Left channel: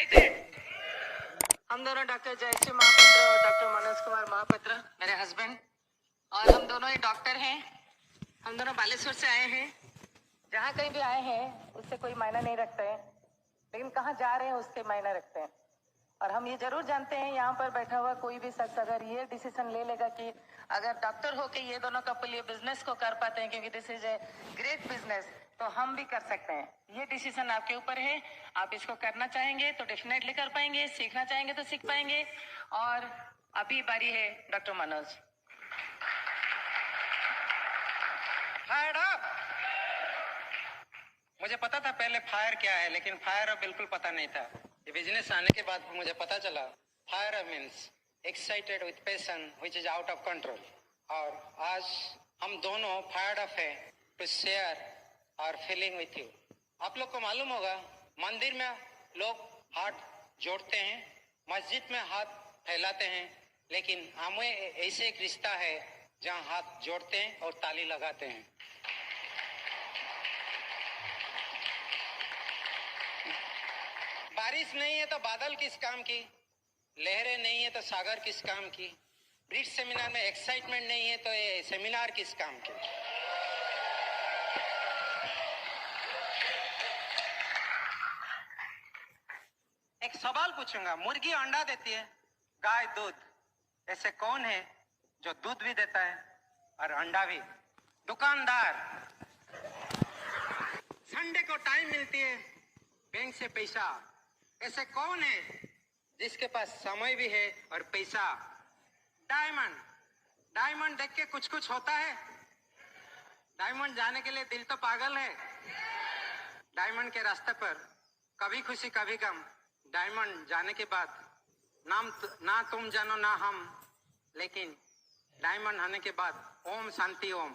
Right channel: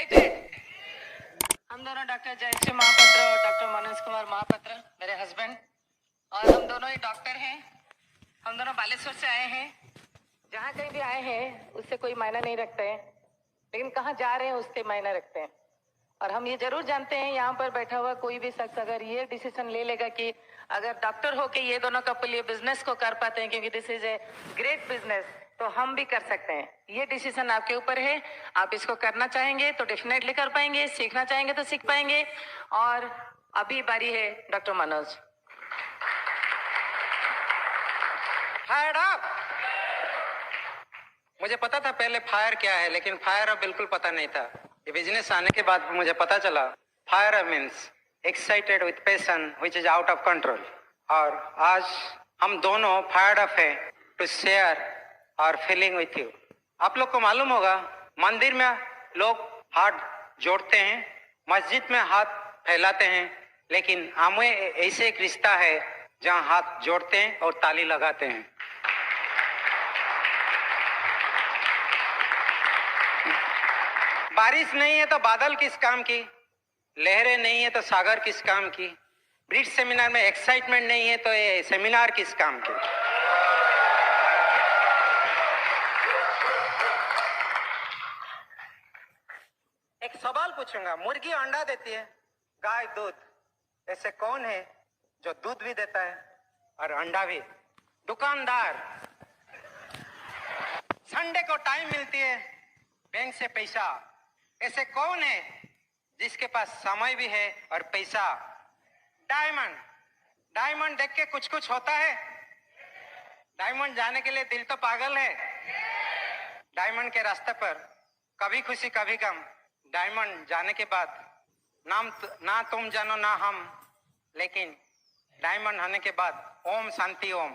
Excited. हम दोनों doctor Jayashree Mahapatra और डॉक्टर मनोज कुमार महापात्र मेरे हस्बैंड, और हम दोनों ही डॉक्टर हैं। हम दोनों बालेश्वर से आए हैं। जहाँ कहीं भी आए हैं उससे कोई मायना नहीं रखता है, लेकिन कहाँ जा रहे हैं उससे मायना रखते हैं। और हम ये जरूर जानते हैं, यहाँ पर बैठा हुआ कोई भी शख्स अगर ये डिसीजन ले लेगा कि अगर डॉक्टर होके ये दोनों कपल ये बिजनेस को कर पाते हैं, क्योंकि this is a great business, तो हम भी कर सकते हैं। ये डिसीजन आपके ऊपर है। आप इसको करना चाहेंगे तो डेफिनेटली कर पाएंगे, सीखना चाहेंगे तो सीख पाएंगे। और अभी बारी है डॉक्टर मनोज। Fire up. मुझे पता था पहले फायर क्या है, लेकिन फायर अप बिल्कुल पता नहीं था। ये बिजनेस आने के बाद मुझे पता चला fire up means excited with passion which is out of control. और आज हम दोनों फायर्ड अप है टू शेयर और फीलिंग विथ यू। आप लोग को मालूम होगा, मंदिर में लोग हाथ जोड़ते हैं, मस्जिद में हाथ फैलाते हैं, लेकिन हमें ऐसे एक रिश्ता है जहां हाथ जोड़ते हैं और ताली लगाते हैं। बारिश नहीं है तो बादल किस काम की, लहरें नहीं है तो सागर किस काम की, ब्रिज सेमिनार में एक्साइटमेंट नहीं है तो ये सेमिनार किस काम की। एक सवाल पूछूंगा, मुर्गी अंडा देती है, गाय दूध, ऐसे कौन है जो दूध भी देता है और अंडा भी? दुकानदार। संडे को टाइम मिलती है बैंक से पैसा, ऐसे कौन है जिसके पास समय भी है और पैसा? डायमंड। डायमंड देख के कुछ कुछ होता है। डायमंड जाने के लिए दिल तो पागल है। डायमंड के रास्ते पर कभी खुशी कभी गम। डायमंड जाने के बाद ना तुम जानो ना हम, लेकिन डायमंड होने के बाद ओम शांति ओम।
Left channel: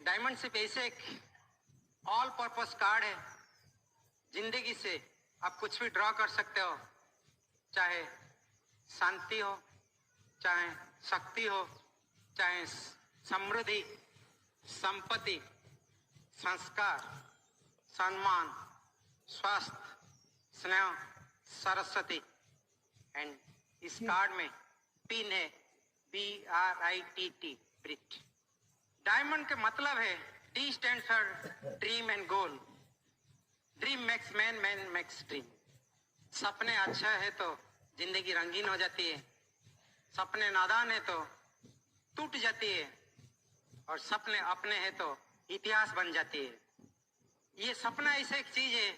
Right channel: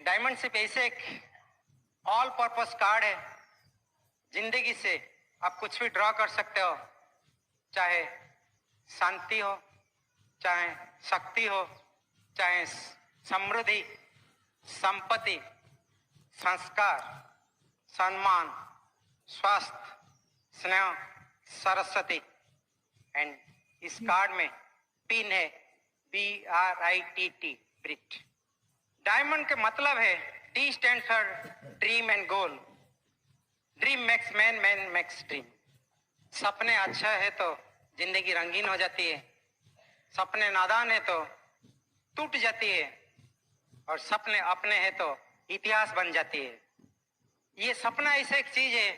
डायमंड सिर्फ ऐसे एक ऑल पर्पस कार्ड है। जिंदगी से आप कुछ भी ड्रॉ कर सकते हो, चाहे शांति हो, चाहे शक्ति हो, चाहे समृद्धि, संपत्ति, संस्कार, सम्मान, स्वास्थ्य, स्नेह, सरस्वती। एंड इस कार्ड में पिन है BRITT, ब्रिट। डायमंड के मतलब है D stand for dream and goal. Dream makes man, man makes dream. सपने अच्छा है तो जिंदगी रंगीन हो जाती है, सपने नादान है तो टूट जाती है, और सपने अपने है तो इतिहास बन जाती है। ये सपना ऐसे एक चीज है,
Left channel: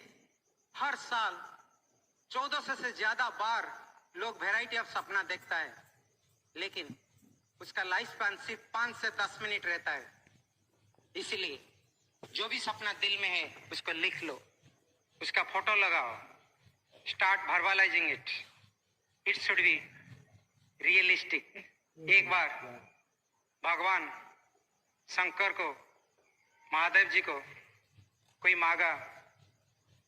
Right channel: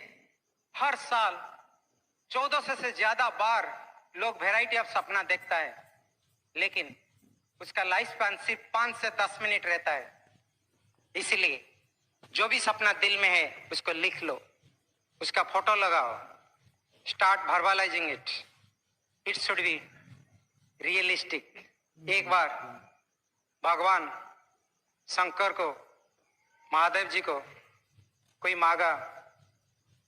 हर साल 1400 से ज्यादा बार लोग वैरायटी ऑफ सपना देखता है, लेकिन उसका लाइफ स्पैन सिर्फ 5 से 10 मिनट रहता है। इसलिए जो भी सपना दिल में है उसको लिख लो, उसका फोटो लगाओ, start verbalising it. It should be realistic. एक बार भगवान शंकर को, महादेव जी को कोई मांगा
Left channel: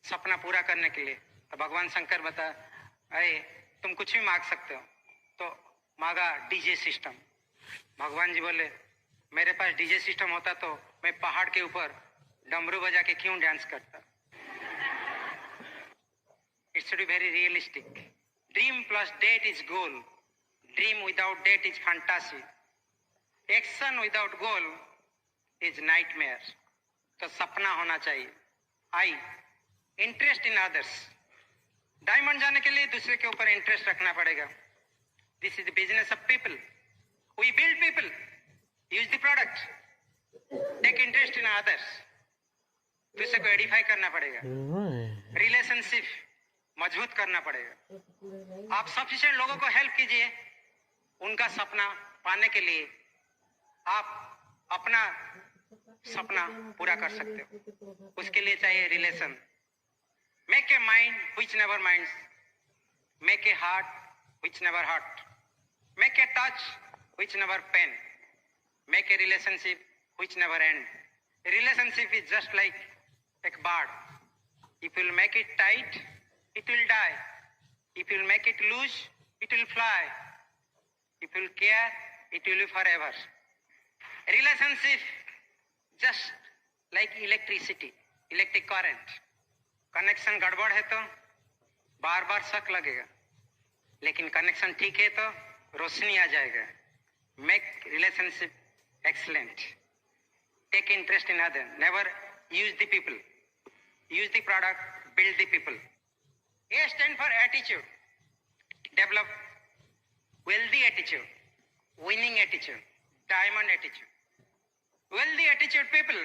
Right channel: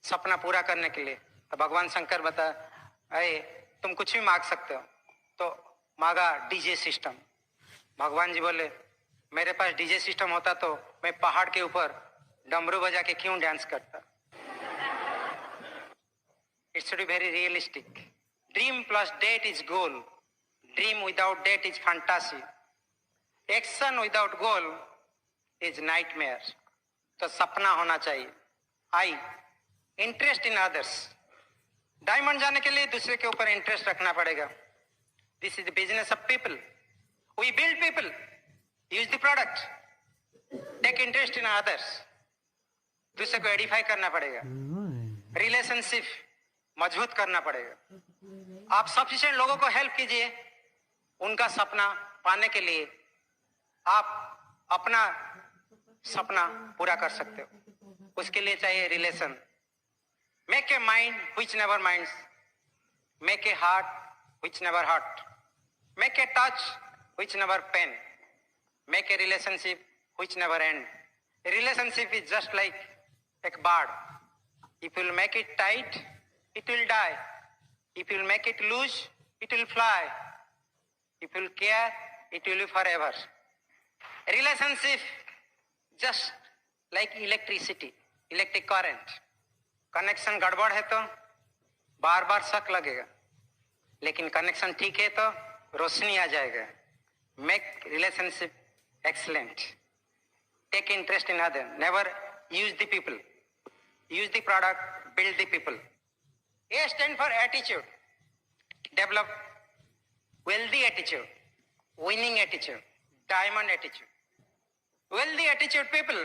सपना पूरा करने के लिए, तो भगवान शंकर बता, अरे तुम कुछ भी मांग सकते हो। तो मांगा डीजे सिस्टम। भगवान जी बोले, मेरे पास डीजे सिस्टम होता तो मैं पहाड़ के ऊपर डमरू बजा के क्यों डांस करता। It should be very realistic. Dream plus date is goal. Dream without date is fantasy. Action without goal is nightmare. तो सपना होना चाहिए। I interest in others. Diamond जाने के लिए दूसरे के ऊपर इंटरेस्ट रखना पड़ेगा। This is the business of people. We build people, use the product, take interest in others. दूसरे को एडिफाई करना पड़ेगा, रिलेशनशिप मजबूत करना पड़ेगा। आप सफिशिएंट लोगों को हेल्प कीजिए उनका सपना पाने के लिए। आप अपना सपना पूरा कर सकते हो, उसके लिए चाहिए relation. Make a mind which never minds, make a heart which never hurt, make a touch which never pain, make a relationship which never end. Relationship is just like a bird. If you make it tight, it will die. If you make it loose, it will fly. If you care, it will be forever. Relationship just like electricity. Electric current, connection गड़बड़ है तो बार बार शक लगेगा, लेकिन connection ठीक है तो रोशनी आ जाएगा. Make relationship excellent. Take interest in other. Never use the people. Use the product. Build the people. A stand for attitude. Develop wealthy attitude, winning attitude, diamond attitude. Wealthy attitude people,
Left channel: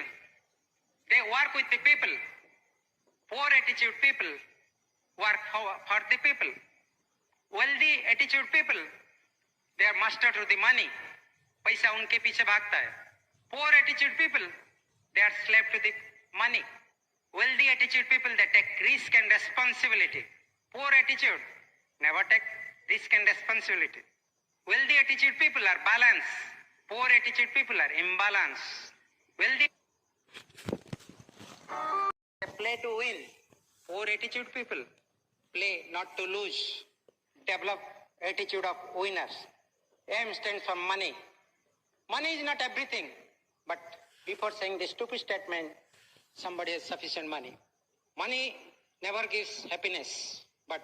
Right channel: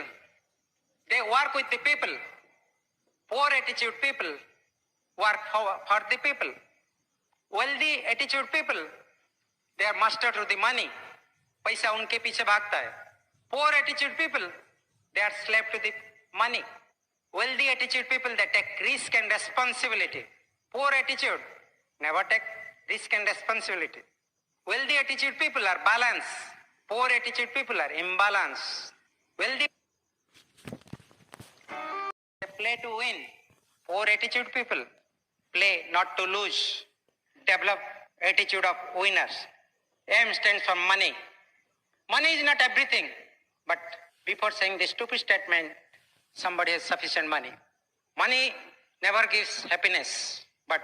they work with the people. Poor attitude people work for the people. Wealthy attitude people, they are master to the money. पैसा उनके पीछे भागता है. Poor attitude people, they are slave to the money. Wealthy attitude people, they take risk and responsibility. Poor attitude, never take risk and responsibility. Wealthy attitude people are balanced. Poor attitude people are imbalanced. Wealthy they play to win. Poor attitude people play not to lose. Develop attitude of winners. M stands for money. Money is not everything, but before saying the stupid statement, somebody has sufficient money. Money never gives happiness, but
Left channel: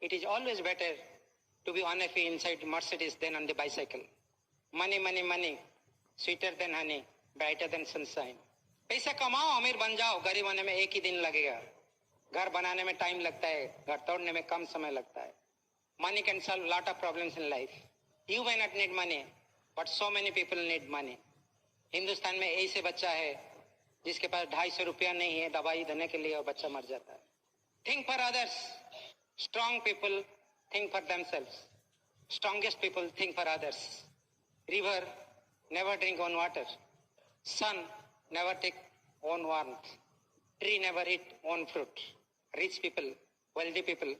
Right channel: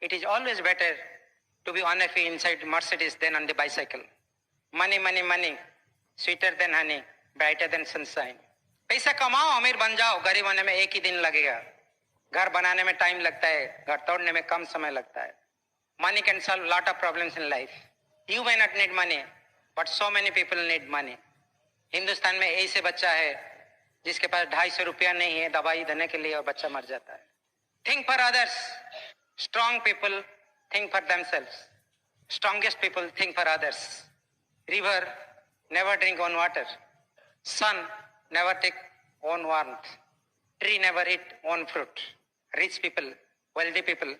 it is always better to be unhappy inside Mercedes than on the bicycle. Money, money, money, sweeter than honey, brighter than sunshine. पैसा कमाओ, अमीर बन जाओ, गरीब होने में एक ही दिन लगेगा. घर बनाने में टाइम लगता है, घर तोड़ने में कम समय लगता है. Money can solve lot of problems in life. You may not need money, but so many people need money. Hindustan में ऐसे बच्चा है जिसके पास 250 रुपया नहीं है दवाई देने के लिए और बच्चा मर जाता है. Think for others. Strong people think for themselves. Strongest people think for others. River never drink own water. Sun never take own warmth. Tree never eat own fruit. Rich people, wealthy people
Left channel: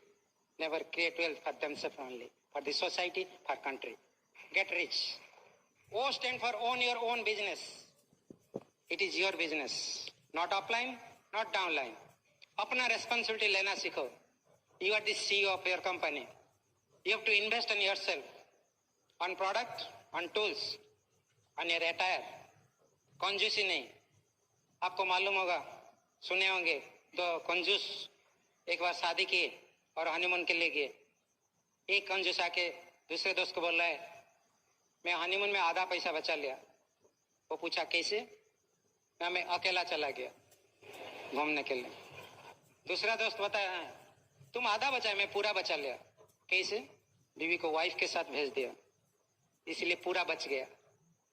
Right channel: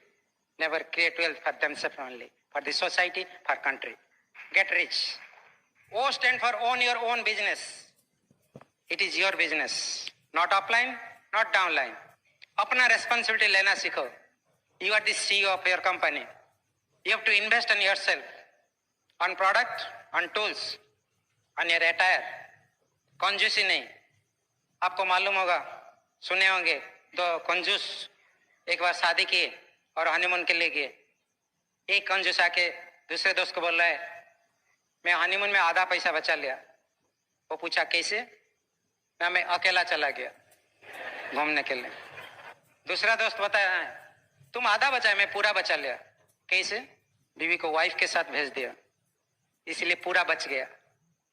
never create wealth for themselves only. For the society, for country. Get rich. O stand for own your own business. It is your business. Not upline, not downline. अपना responsibility लेना सीखो. You are the CEO of your company. You have to invest in yourself, on product, on tools, on your attire. कंजूसी नहीं. आपको मालूम होगा, सुने होंगे, दो कंजूस एक बार शादी किए और हनीमून के लिए गए. एक कंजूस आके दूसरे दोस्त को बोल रहा है, मैं हनीमून में आधा पैसा बचा लिया. वो पूछा कैसे? मैं अकेला चला गया घूमने के लिए. दूसरा दोस्त बताया, तुम आधा बचा, मैं पूरा बचा लिया. कैसे? बीवी को वाइफ के साथ भेज दिया, इसलिए पूरा बच गया.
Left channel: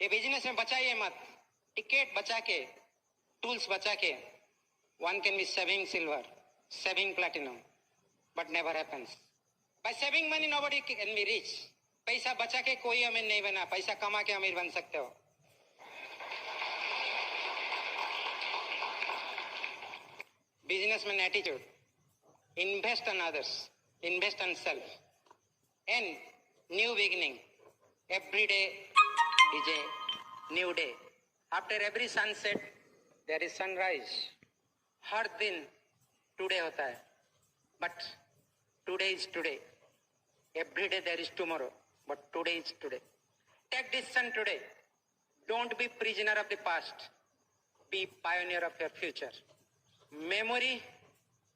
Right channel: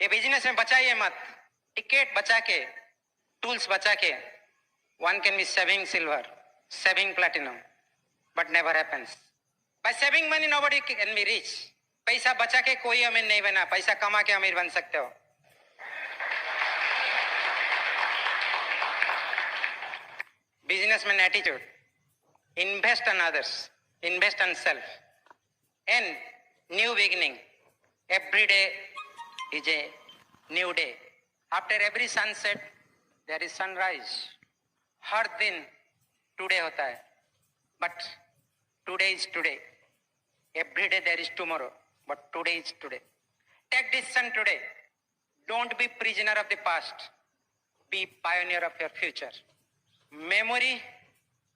ये बिजनेस में बचाइए मत. टिकट बचा के, टूल्स बचा के, one can be saving silver, saving platinum, but never happens. By saving money nobody can be rich. पैसा बचा के कोई अमीर नहीं बना, पैसा कमा के अमीर बन सकते हो. Businessman attitude. Invest on others. Invest on self. And new beginning. Every day is a new day. After every sunset, there is sunrise. हर दिन today होता है. But today is today. Every day there is tomorrow. But today is today. Take decision today. Don't be prisoner of the past. Be pioneer of your future. Memory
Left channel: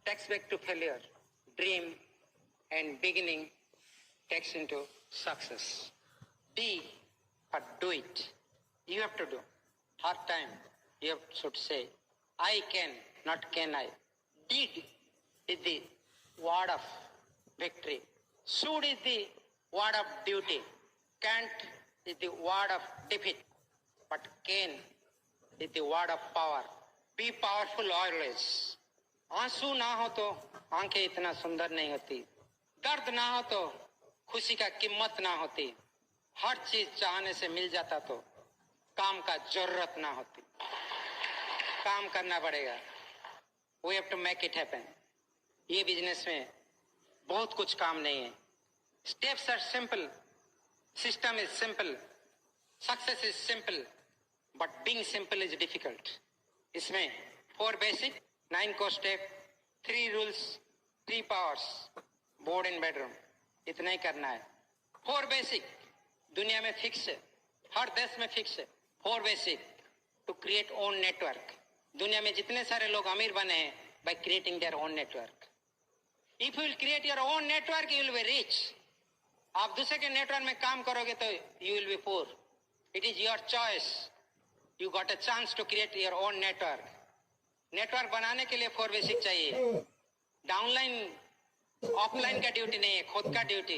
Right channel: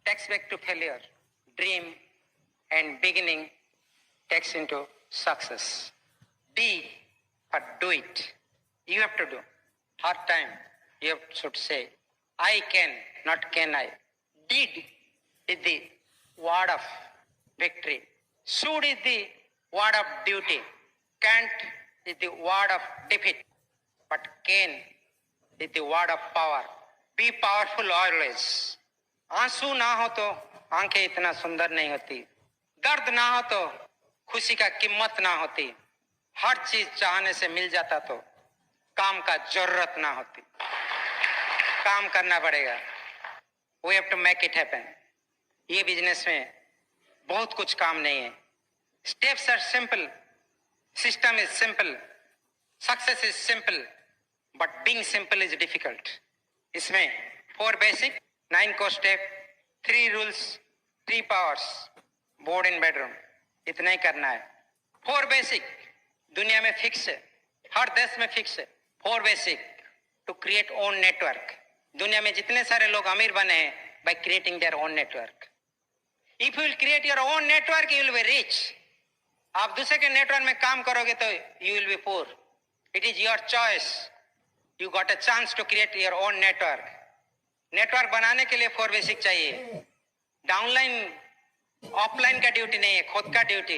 takes back to failure. Dream and beginning takes into success. Be, but do it. You have to do. Hard time, you should say, I can, not can I. Did is the word of victory. Should is the word of duty. Can't is the word of defeat. But can is the word of power. Be powerful always. आंसू ना हो तो आंखें इतना सुंदर नहीं होती. दर्द ना हो तो खुशी का कीमत ना होती. हर चीज चाहने से मिल जाता तो काम का जरूरत ना होती. काम करना पड़ेगा. We have to make it happen. ये बिजनेस में बहुत कुछ काम नहीं है. Steps are simple. System is simple. Success is simple. But being simple is difficult. इसमें 4 basic, 9 core step, 3 rules, 3 powers, board and bedroom. इतना ही करना है. 4 basic दुनिया में फिक्स है, हर देश में फिक्स है. 4 basic to create own network. दुनिया में जितने सारे लोग अमीर बने हैं by creating their own network. If you will create your own network, you will be rich. आप दूसरे के नेटवर्क में काम करोगे तो you will be poor. It is your choice. You got a chance to create your own network. Network बनाने के लिए 4 बेसिक चाहिए. डाउनलाइन ऑफलाइन का ड्यूटी नहीं है, खुद का ड्यूटी.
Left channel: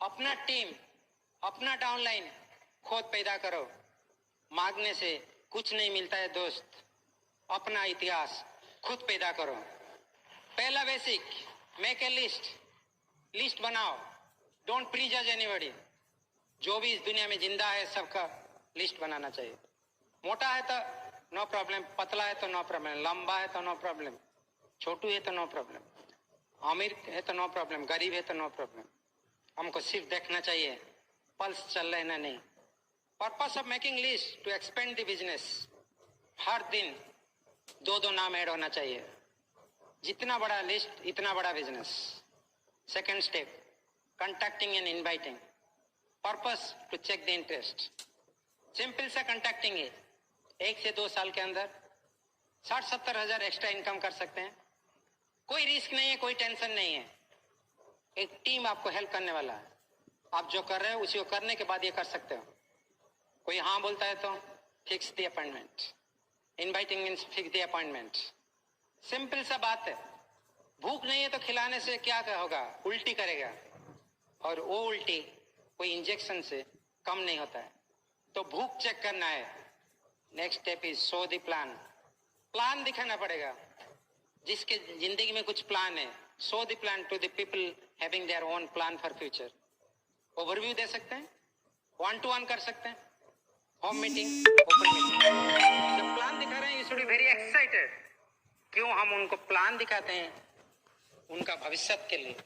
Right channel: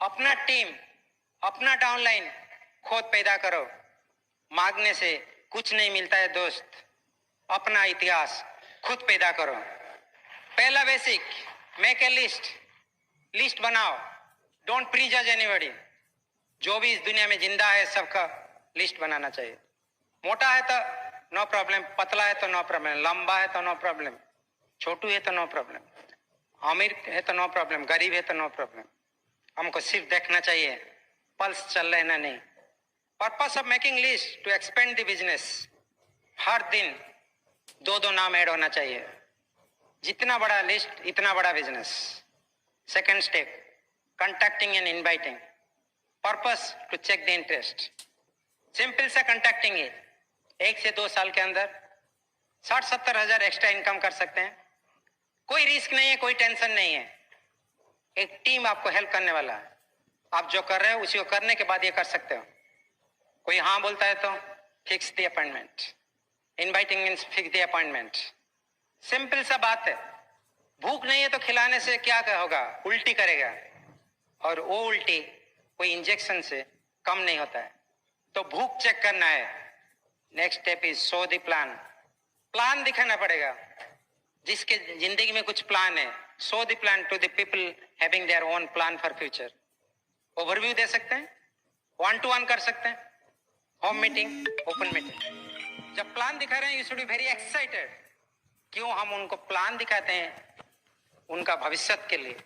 अपना टीम, अपना डाउनलाइन खुद पैदा करो. मांगने से कुछ नहीं मिलता है दोस्त. अपना इतिहास खुद पैदा करो. पहला बेसिक, मेक ए लिस्ट बनाओ. डोंट प्री जज एनीबॉडी. जो भी इस दुनिया में जिंदा है सबका लिस्ट बनाना चाहिए. मोटा है तो नो प्रॉब्लम, पतला है तो नो प्रॉब्लम, लंबा है तो नो प्रॉब्लम, छोटू है तो नो प्रॉब्लम, अमीर है तो नो प्रॉब्लम, गरीब है तो नो प्रॉब्लम. हमको सिर्फ देखना चाहिए पल्स चल रहा है ना नहीं. Purpose of making list to expand the business. हर दिन 2 नाम ऐड होना चाहिए. जितना बड़ा लिस्ट इतना बड़ा business. Second step, contacting and inviting. Purpose to check the interest. Simple सा कॉन्टैक्टिंग है. 1 से 2 साल के अंदर 60-70 हजार एक्स्ट्रा इनकम कर सकते हैं. कोई रिस्क नहीं है, कोई टेंशन नहीं है. एक टीम आपको हेल्प करने वाला है. आप जो कर रहे हो उसी को करने के बाद ये कर सकते हो. कोई हाँ बोलता है तो fix the appointment. Inviting means fix the appointment. Simple सा बात है. भूख नहीं है तो खिलाने से क्या होगा? उल्टी करेगा. और वो उल्टी कोई इंजेक्शन से कम नहीं होता है. तो भूख चेक करना है. Next step is show the plan. Plan दिखाना पड़ेगा. जिसके जिंदगी में कुछ प्लान है, show the plan to the people having their own plan for future. Overview दे सकते हैं, 1-to-1 कर सकते हैं, होम मीटिंग, ओपन मीटिंग. जब प्लान दिखा रहे हैं you should be very excited. क्यों हम उनको प्लान दिखाते हैं? उनका भविष्य के लिए.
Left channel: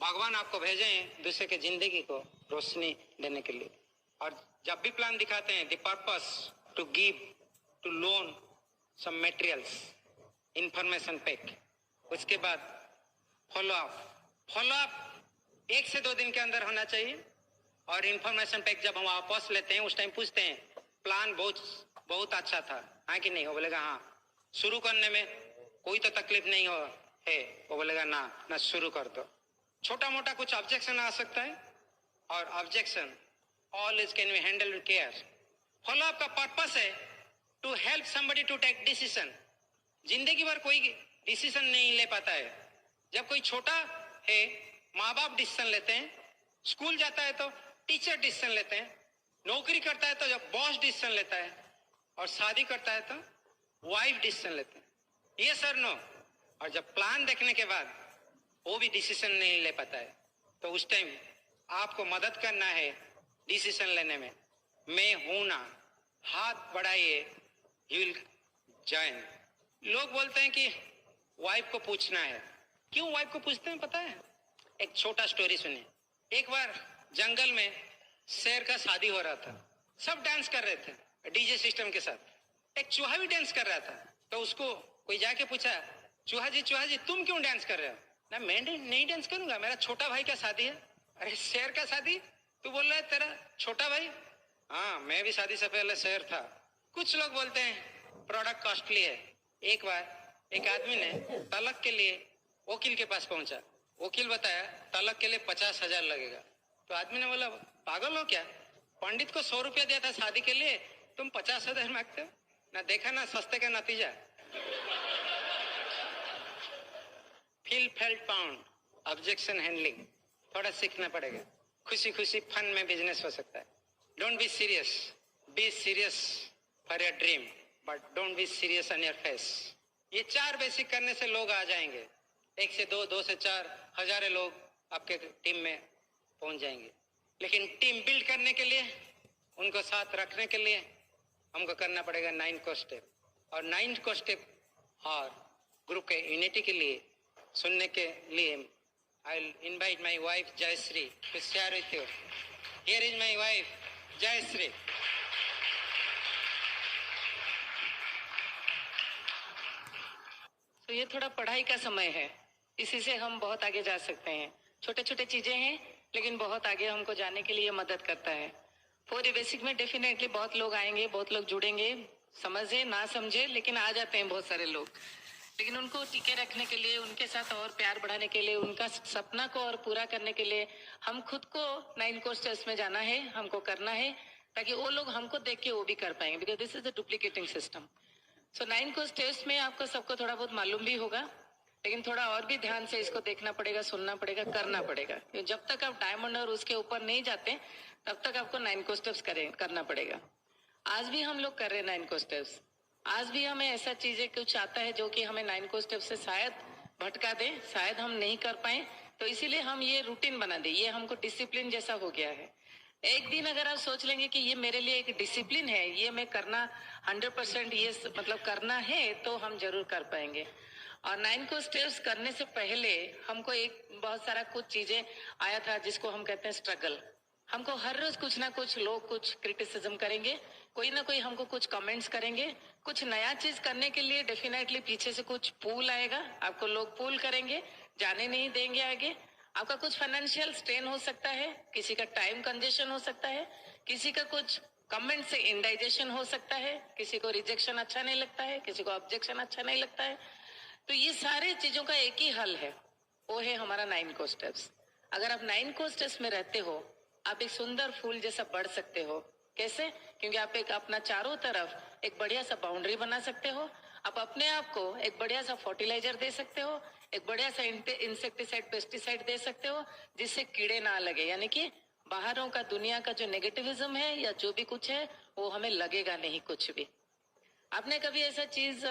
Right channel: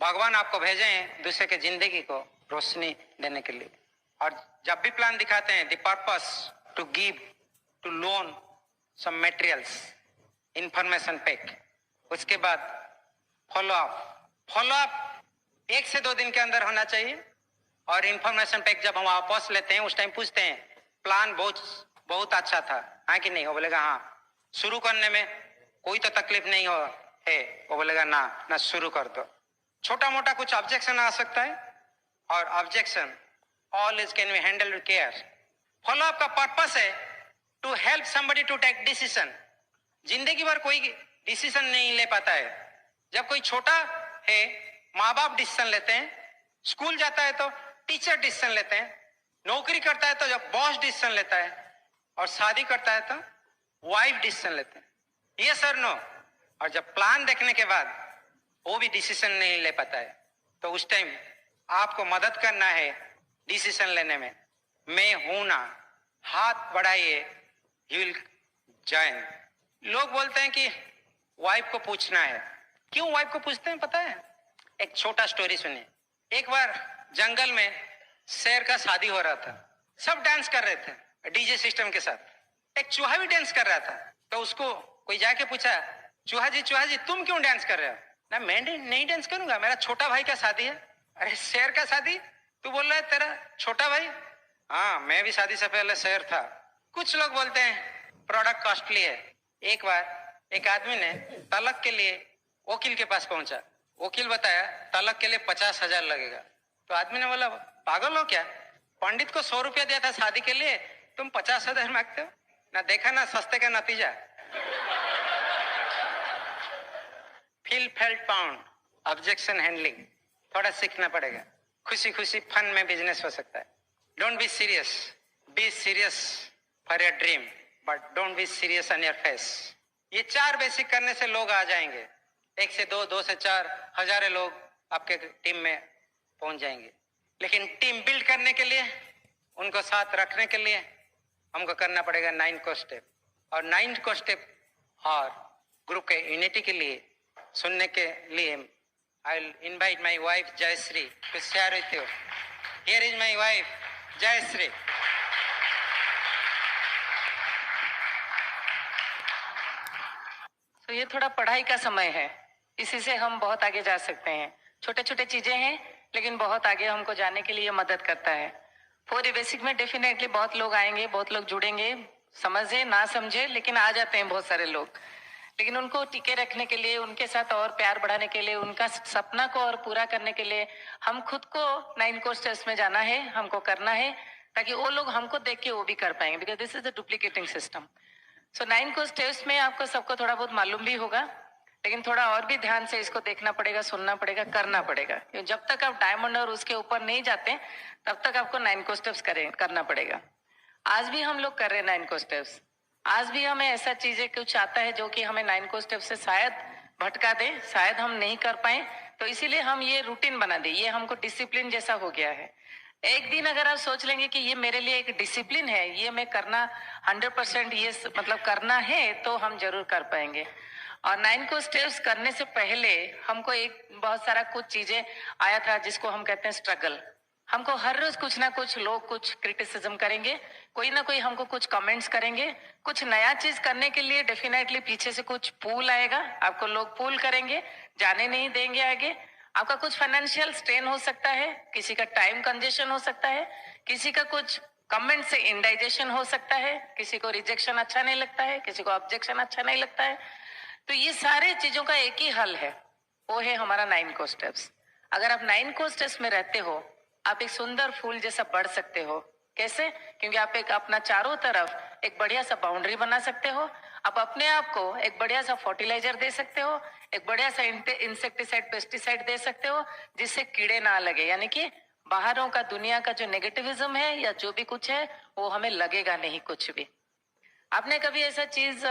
भगवान आपको भेजे हैं दूसरे के जिंदगी को रोशनी देने के लिए. और जब भी प्लान दिखाते हैं, the purpose to give, to loan some materials, information pack. उसके बाद फॉलो अप 1 से 2 दिन के अंदर होना चाहिए. और इंफॉर्मेशन पैक जब हम वापस लेते हैं उस टाइम पूछते हैं प्लान बहुत अच्छा था, हाँ कि नहीं? वो बोलेगा हाँ. शुरू करने में कोई तो तकलीफ नहीं हो है? वो बोलेगा ना शुरू कर दो. छोटा मोटा कुछ ऑब्जेक्शन आ सकता है, और objection always can be handle with care. Follow up का पर्पस है to help somebody to take decision. जिंदगी भर कोई डिसीजन नहीं ले पाता है. जब कोई छोटा है माँ बाप डिसीजन लेते हैं, स्कूल जाता है तो टीचर डिसीजन लेते हैं, नौकरी करता है तो जब बॉस डिसीजन लेता है, और शादी करता है तो वाइफ डिसीजन लेते हैं. ये सर नो. और जब प्लान देखने के बाद वो भी डिसीजन नहीं ले पाता है, तो उस टाइम आपको मदद करना है डिसीजन लेने में. मैं हूं ना, हाथ बढ़ाइए, यू विल जॉइन. लोग बोलते हैं कि वाइफ को पूछना है. क्यों वाइफ को पूछते हैं पता है? एक छोटा स्टोरी सुनिए. एक बार जंगल में शेर का शादी हो रहा था. सब डांस कर रहे थे डीजे सिस्टम के साथ. एक चूहा भी डांस कर रहा था. तो उसको कोई जाके पूछा, चूहा जी तुम क्यों डांस कर रहे हो? ना मैं नहीं डांस करूंगा, मेरा छोटा भाई का शादी है. अरे शेर का शादी? तू बोल रहा है तेरा छोटा भाई? हाँ, मैं भी शादी से पहले शेर था. कुछ लोग बोलते हैं प्रोडक्ट कॉस्टली है. एक बार एक आदमी ने तलाक के लिए वकील के पास पहुंचा. वकील बताया तलाक के लिए 50,000 लगेगा. तो आदमी ने बोला पागल हो क्या? पंडित को 100 रुपया दिया था शादी के लिए, तुम 50,000 मांगते हो? ना देखा ना सस्ते का नतीजा. Feel felt pound, objection handling थोड़ा सीखना पड़ेगा. खुशी खुशी फन में बिजनेस हो सकता है. Don't be serious, be serious for your dream, but don't be serious on your face. ये 4 बेसिक करने से लोग आ जाएंगे. 1 से 2, 2 से 4, हजारों लोग आपके टीम में पहुंच जाएंगे. लेकिन टीम बिल्ड करने के लिए, उनको साथ रखने के लिए हमको करना पड़ेगा 9 को स्टेप. और 9 को स्टेप और ग्रुप के यूनिटी के लिए सुनने के लिए I will invite my wife Jayashree to share with you. Here is my wife Jayashree. तो ये थोड़ा पढ़ाई का समय है, इसी से हम बहुत आगे जा सकते हैं. छोटे छोटे चीजें हैं लेकिन बहुत आगे हमको जाने के लिए मदद करता है. 4 बेसिक में डेफिनेटली बहुत लोग आएंगे, बहुत लोग जुड़ेंगे, समझे ना समझे, लेकिन आ जाते हैं बहुत सारे लोग। लेकिन उनको टिके रखने के लिए, उनके साथ और प्यार बढ़ाने के लिए, उनका सपना को और पूरा करने के लिए हम खुद को 9 कोर्सेस में जाना है, हमको करना है, ताकि वो लोग हमको देख के वो भी कर पाएंगे, because this is a duplicating system. So 9 courses में आपको सबको थोड़ा बहुत मालूम भी होगा, लेकिन थोड़ा और भी ध्यान से इसको देखना पड़ेगा, सुनना पड़ेगा, करना पड़ेगा। जब तक आप डायमंड और उसके ऊपर नहीं जाते तब तक आपको 9 को स्टेप्स करना पड़ेगा। आज भी हम लोग कर रहे हैं 9 को स्टेप्स। आज भी हमें ऐसा चीजें कुछ आता है जो कि हमें 9 को स्टेप से शायद भटका दे, शायद हम नहीं कर पाए, तो इसीलिए हम ये रूटीन बना दे, ये हमको डिसिप्लिन जैसा हो गया है। एक दिन अगर आप सोच लेंगे कि ये मेरे लिए एक डिसिप्लिन है, ये मैं करना 100% ये मतलब करना है, तो हम जरूर कर पाएंगे। और 9 को स्टेप्स करने से पहले हमको एक बहुत सारा कुछ चीजें आया था जिसको हम कहते हैं स्ट्रगल। हमको हर रोज कुछ ना कुछ लोग कुछ क्रिटिसिज्म करेंगे, कोई ना कोई हमको कुछ कमेंट्स करेंगे, कुछ नया चीज करने के लिए डेफिनेटली पीछे से कुछ पुल आएगा, आपको लोग पुल करेंगे, जाने नहीं देंगे आगे। आपका कुछ फाइनेंशियल स्ट्रेन हो सकता है, किसी का टाइम कंजेशन हो सकता है, किसी का कुछ कमेंट से इंडाइजेशन हो सकता है, किसी को रिजेक्शन अच्छा नहीं लगता है, किसी को ऑब्जेक्शन अच्छा नहीं लगता है। तो ये सारे चीजों का एक ही हल है, वो है हमारा 9 को स्टेप्स। अगर आप 9 को स्टेप्स में रहते हो, आप एक सुंदर फूल जैसा बढ़ सकते हो। कैसे? क्योंकि आप एक अपना चारों तरफ एक बढ़िया सा बाउंड्री बना सकते हो, आप अपने आप को एक बढ़िया सा फर्टिलाइजर दे सकते हो, एक बढ़िया सा इंसेक्टिसाइड पेस्टिसाइड दे सकते हो, जिससे कीड़े ना लगे, यानी कि बाहरों का दुनिया का जो नेगेटिविज्म है या जो भी कुछ है वो हमें लगेगा नहीं कुछ भी। आपने कभी ऐसा चीज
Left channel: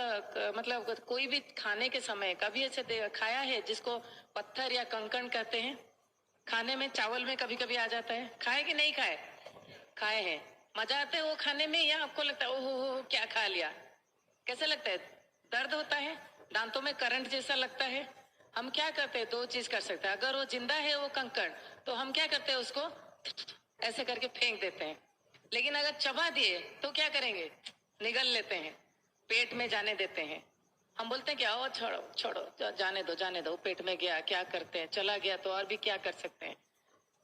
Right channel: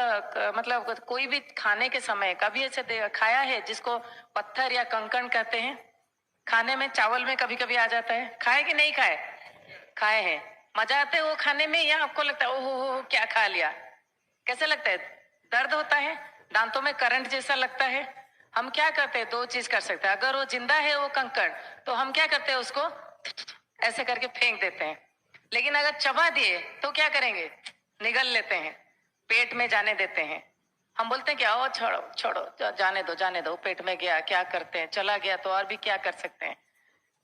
मतलब कोई भी खाने के समय कभी ऐसे खाया है जिसको पत्थर या कंकड़ कहते हैं? खाने में चावल में कभी कभी आ जाता है, खाए कि नहीं खाए? खाए हैं। मजा आता है वो खाने में, या आपको लगता है ओहो हो क्या खा लिया? कैसे लगता है? दर्द होता है, दांतों में करंट जैसा लगता है। हम क्या करते हैं, 2 चीज कर सकते हैं। अगर वो जिंदा है वो कंकड़, तो हम क्या करते हैं, उसको ऐसे करके फेंक देते हैं। लेकिन अगर चबा दिए तो क्या करेंगे? निगल लेते हैं, पेट में जाने देते हैं। हम बोलते हैं कि आओ छोड़ो छोड़ो, जाने दो, पेट में गया, क्या करते हैं, चला गया तो और भी क्या कर सकते हैं।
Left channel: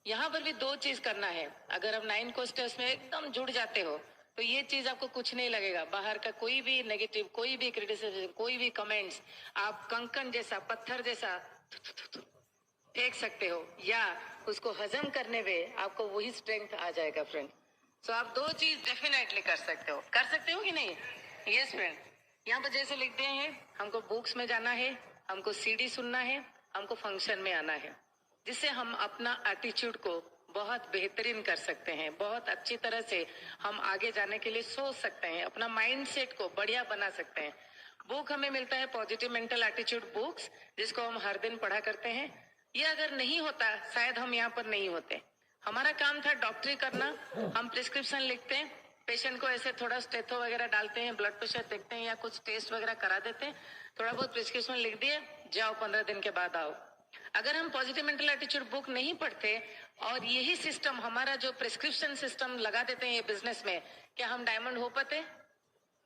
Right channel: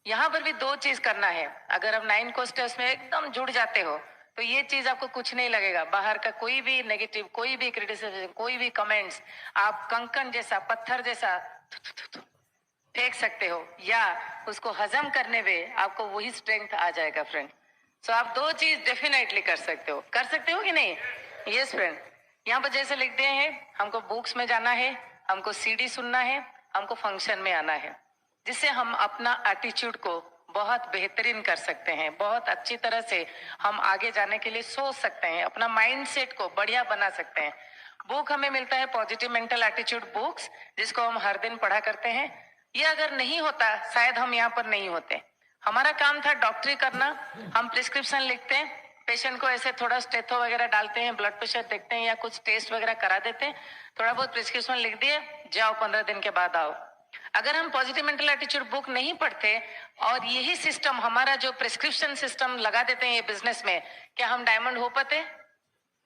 यहाँ पर भी 2 चीज करना है। अगर आप 9 को स्टेप्स में एकदम जुड़ जाते हो तो ये चीज आपको कुछ नहीं लगेगा। बाहर का कोई भी नेगेटिव, कोई भी क्रिटिसिज्म, कोई भी कमेंट्स आप कंकड़ जैसा, पत्थर जैसा फेंक सकते हो, या उसको हजम करने में आपको वही स्ट्रेंथ आ जाएगा फ्रेंड। सो आप 2 चीज डेफिनेटली कर सकते हो कि नहीं? Yes friend. यहाँ पर जैसे लिखते हैं, हमको बुक्स में जाना है, हमको सीडी सुनना है, हमको फंक्शन में आना है, जिससे हम अपना एटीट्यूड को बहुत बेहतरीन कर सकते हैं, बहुत अच्छी तरह से हम आगे जाने के लिए सोच सकते हैं, अपना माइंडसेट को बढ़िया बना सकते हैं। बुक हमें मिलता है पॉजिटिव मेंटल एटीट्यूड बुक्स, जिसको हम हर दिन पढ़ा करते हैं। ये अगर नहीं होता शायद हम यहाँ पर नहीं होते। हमारा काम था डॉक्टरी करना, हम प्रिस्क्रिप्शन लिखते हैं, पेशेंट को ऐसे थोड़ा स्टेथो वगैरह डालते हैं, ब्लड प्रेशर देखते हैं या कुछ टेस्ट वगैरह करा देते हैं, थोड़ा बहुत प्रिस्क्रिप्शन लिख दिए, जाओ 15 दिन के बाद आओ। अगर हम पॉजिटिव मेंटल एटीट्यूड बुक नहीं पढ़ते और यही सिस्टम हमारा जो प्रिस्क्रिप्शन सिस्टम लगा देते हैं ये बिजनेस में, क्या हम डायमंड हो पाते?